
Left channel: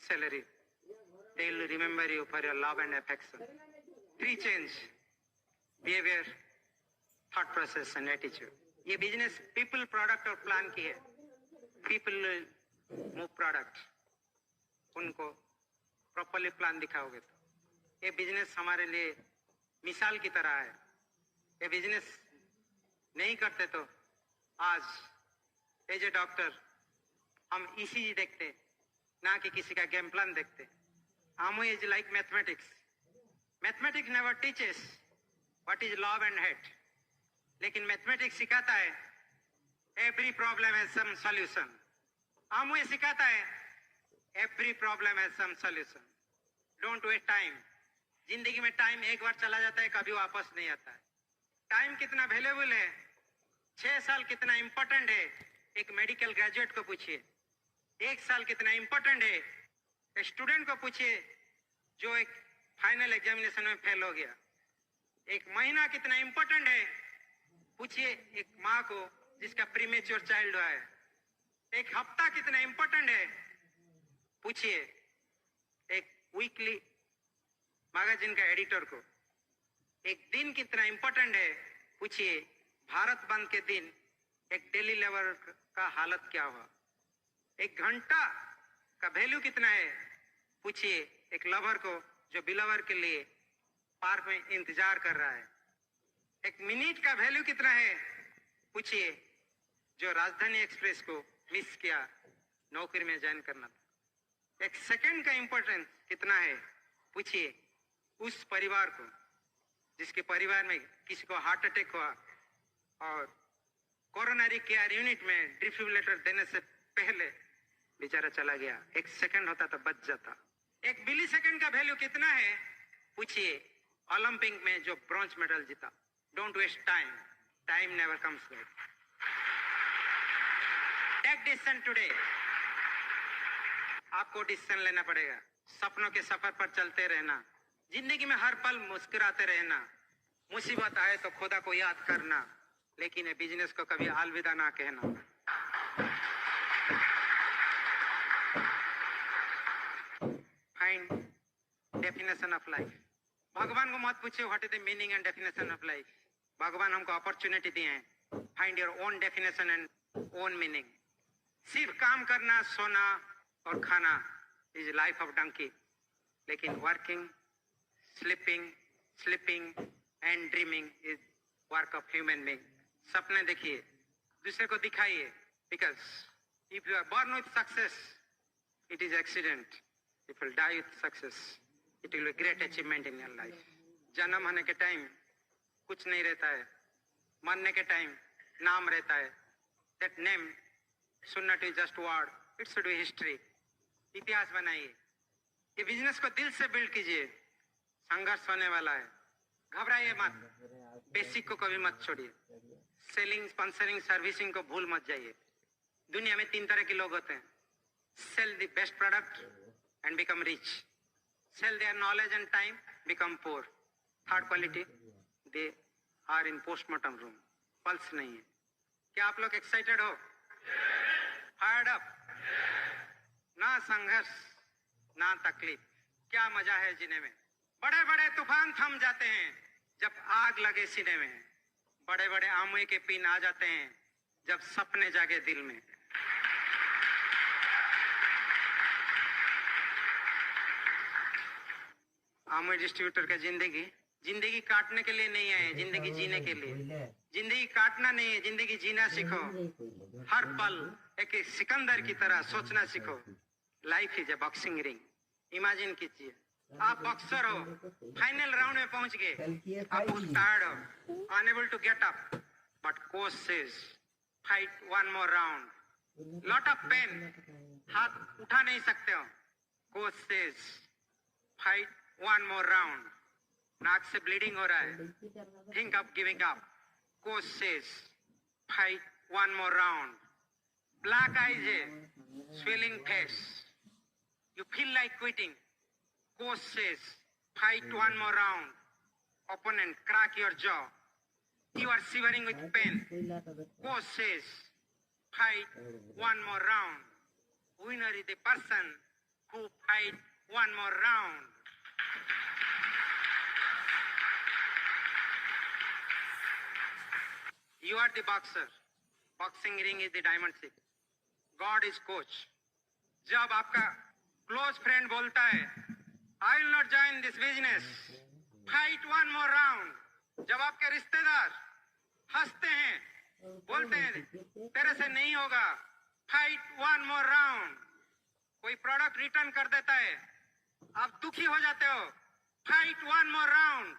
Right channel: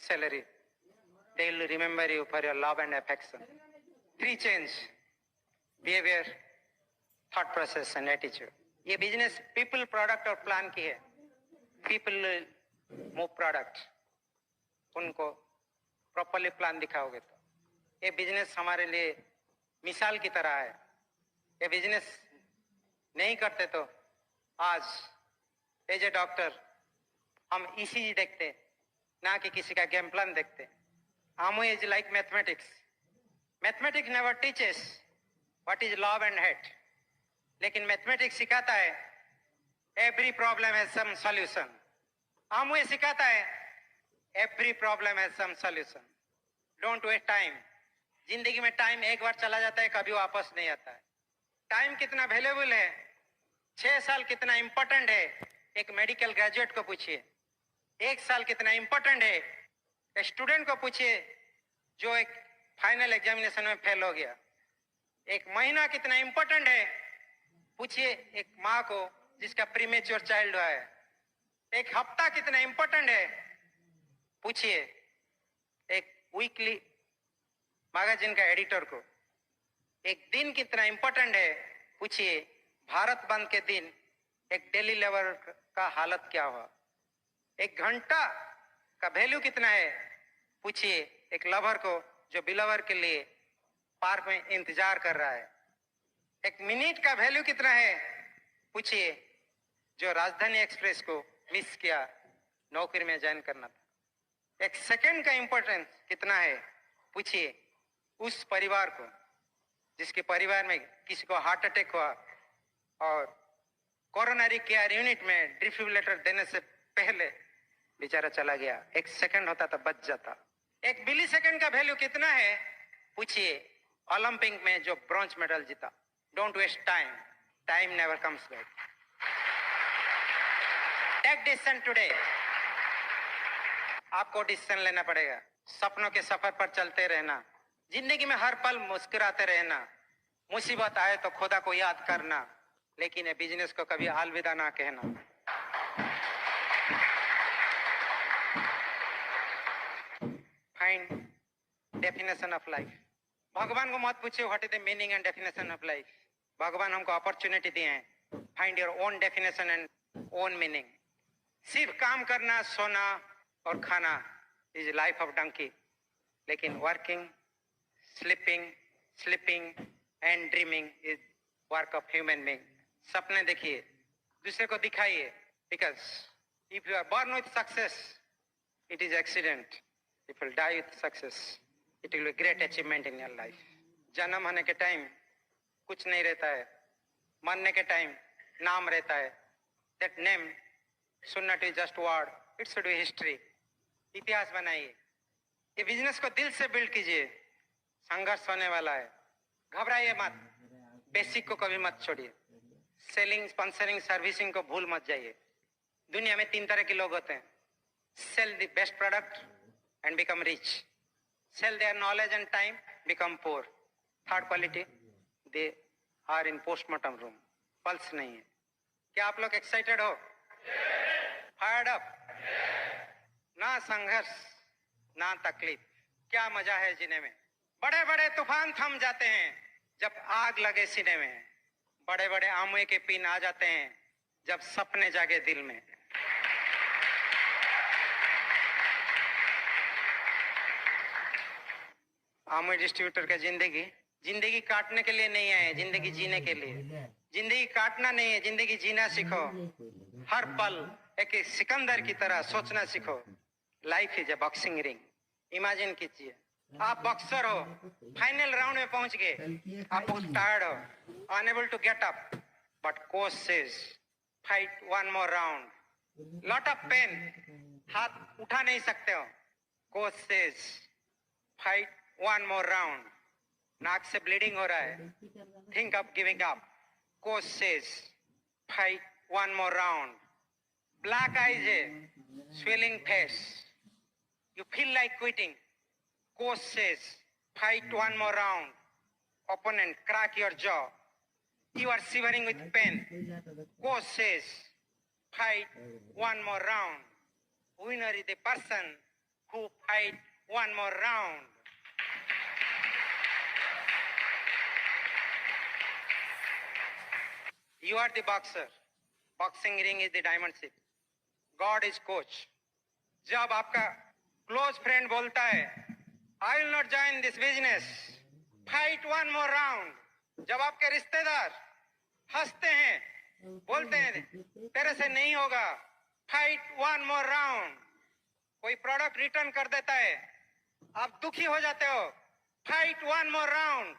salary. They will remember you for your love and affection. 3 change: behavior, thought process and attitude. ये business people, product और plan की है। People move product, उनको properly plan दिखाओगे तो ये business हमारे लिए मिसाल की तरह है। ये बिजनेस नहीं करते तो आज एज ए डॉक्टर हम ईसीजी देखते ना कि किसी का गेम प्लान देखते। आमो is like mathematics. Mathematics never teaches what is love and hate, लेकिन मैथमेटिक्स सिखाता है every problem has some solution. आमो ये सिखाता है every problem has some solution. Don't waste time. जिंदगी में टाइम एक बार चला जाता है, कभी वापस नहीं आता है। टाइम कितना वैल्यूएबल है, 6 साल कितना इंपॉर्टेंट है, एक मेडिकल ग्रेजुएट को पूछिए। 1 साल कितना इंपॉर्टेंट है, स्टूडेंट को पूछिए जो एक फाइनल एग्जामिनेशन में फेल हो गया, एक महीना कितना इंपॉर्टेंट है। पूछिए एक माँ को जिसका प्रीमेच्योर चाइल्ड हुआ है, एक हफ्ता कितना इंपॉर्टेंट है। पूछिए एक वीकली मैगजीन का एडिटर को एक दिन कितना इंपॉर्टेंट है। पूछिए भारत बंद के दिन एक डेली लेबर का हालत क्या हुआ। एक घंटा का वैल्यू कितना है। पूछिए एक लवर को जो बिलवर के लिए पार्क में इंतजार कर रहा है। एक मिनट का वैल्यू कितना है। पूछिए जो राजधानी एक्सप्रेस को मिस किया, नौकरी में ज्वाइन करना था। एक सेकंड का इंपॉर्टेंस कितना है। पूछिए उस परिवार को जिसके परिवार में किसी को हार्ट अटैक हुआ और कोरोनरी केयर यूनिट में डिफिब्रिलेटर देने से पहले बेचारा चला गया। एक सेकंड होता तो बच जाता। एक मिली सेकंड का वैल्यू कितना है। पूछिए ओलंपिक में जो ब्रॉन्ज मेडल जीता। Don't waste time, time never comes back. Take decision today. आपको डिसीजन लेना पड़ेगा। सपनों के सफर पर चलते रहना, जिंदगी में हर पल मुस्कुराते रहना। मुसीबत आए तो खुदा को याद करना, लेकिन ये बिजनेस को कभी अलविदा ना कहना। Find definition of life. भगवान को मत पूछिए what is the meaning and definition of life. भगवान हमको अपॉर्चुनिटी दिए हैं। Find your own definition and own meaning. सिर्फ काम करना, सोना और खाना इज लाइफ ऑफ डंकी, लेकिन working, sleeping and dreaming is work of human being. सपने देखिए, दूसरे को दिखाइए, because if you are born with success, it is accident. If you die with success, it will be great achievement in your life. जन्म होने के time कुछ नहीं रहता है, मरने के टाइम नाम रहता है। That name should not be just word, it should be history. इतिहास बनाइए। ये बिजनेस को दिल से बिल्ड कीजिए। संघर्ष होने वाला है, घबराइए मत। बेसिक को कभी मत छोड़िए। सेलिंग, स्पॉन्सरिंग, सर्विसिंग को भूल मत जाइए। दुनिया में 3 तरह के लोग होते हैं। Sell the best product and become rich. Sell their knowledge and time, become poor. Third quality, they are in postmortem room. Pulse नहीं है। क्या आप लोग एक्साइटेड हो? Fired up? ना संघर्ष, ना तकलीफ, क्या मजा है जीने में। बड़े बड़े तूफान थम जाते हैं जब आग लगे सीने में। बड़े बड़े आमुए के पिन आ जाते हैं जब सपने जागे दिल में। आमुए डिस्ट्रीब्यूटर का जिंदगी काटने के लिए नहीं आए, जिंदगी जीने के लिए। जिंदगी काटना नहीं है, जिंदगी जीना सीखो। हर पल एक सिकंदर की तरह सोचना सीखो। Life is a boxing ring. Imagine कीजिए आप बॉक्सर हो, फाइनल राउंड में पहुंच गए। आप बहुत टायर्ड हो, unable to get up, but coach says fight one more round. Lot of pain, हाथ उठा नहीं सकते हो। Coach says fight one more round. नाक से ब्लीडिंग हो रहा है, think of giving up. Coach says fight one more round. Black eyes है, swelling face, you feel like quitting. Coach says fight one more round. Opponent crack your jaw, you are shivering with pain. Coach says fight one more round. Winner is the person who fight one more round. You are the boxer. Boxing ring is the diamond ship. God is coach. जब आपका close friend बोलता है I will not join this business, fight one more round. जब आपके रिश्तेदार हंसते हैं, बोलते हैं तेरे से नहीं होगा, fight one more round. कोई प्रोडक्ट रिटर्न कर देता है, आप दुखी हो जाते हो, fight one more round.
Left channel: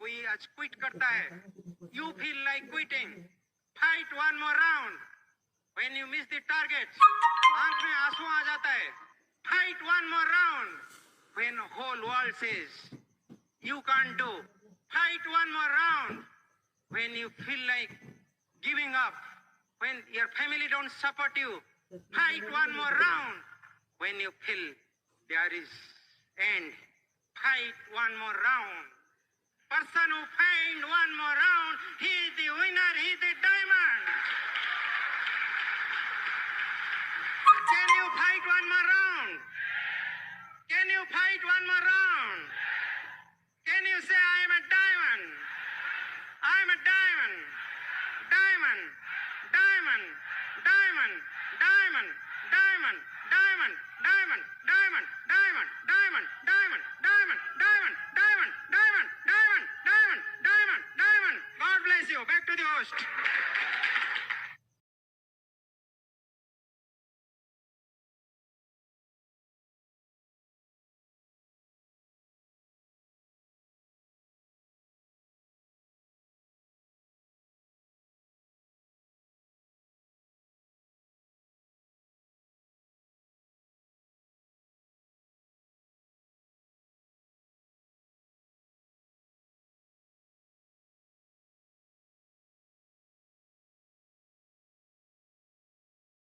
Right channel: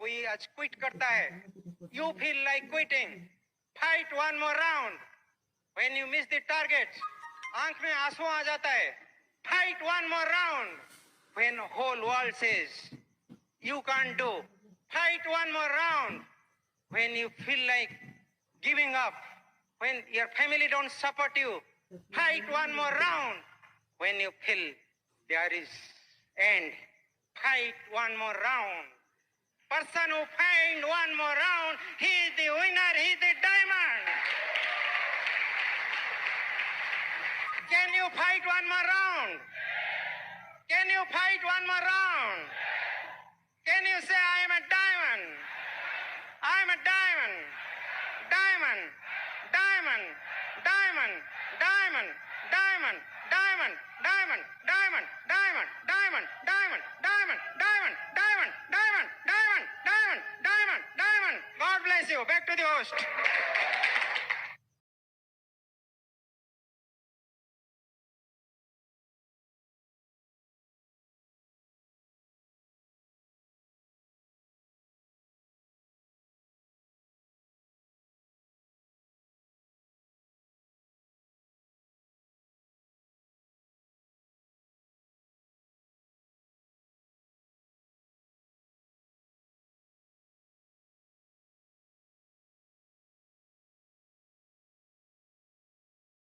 कोई आज क्विट करता है, you feel like quitting, fight one more round. When you miss the target, आंख में आंसू आ जाता है, fight one more round. When whole world says you can't do, fight one more round. When you feel like giving up, when your family don't support you, fight one more round. When you feel there is end. Fight one more round. Person who find one more round, he is the winner, he is the diamond. Can you fight one more round? Can you fight one more round? Can you say I am a diamond? I am a diamond. Diamond. Diamond. Diamond. Diamond. Diamond. Diamond. Diamond. Diamond. Diamond. Diamond. Diamond. Diamond. Diamond. Diamond. Diamond. Diamond. Diamond. Diamond. Diamond. God bless you. Back to the host.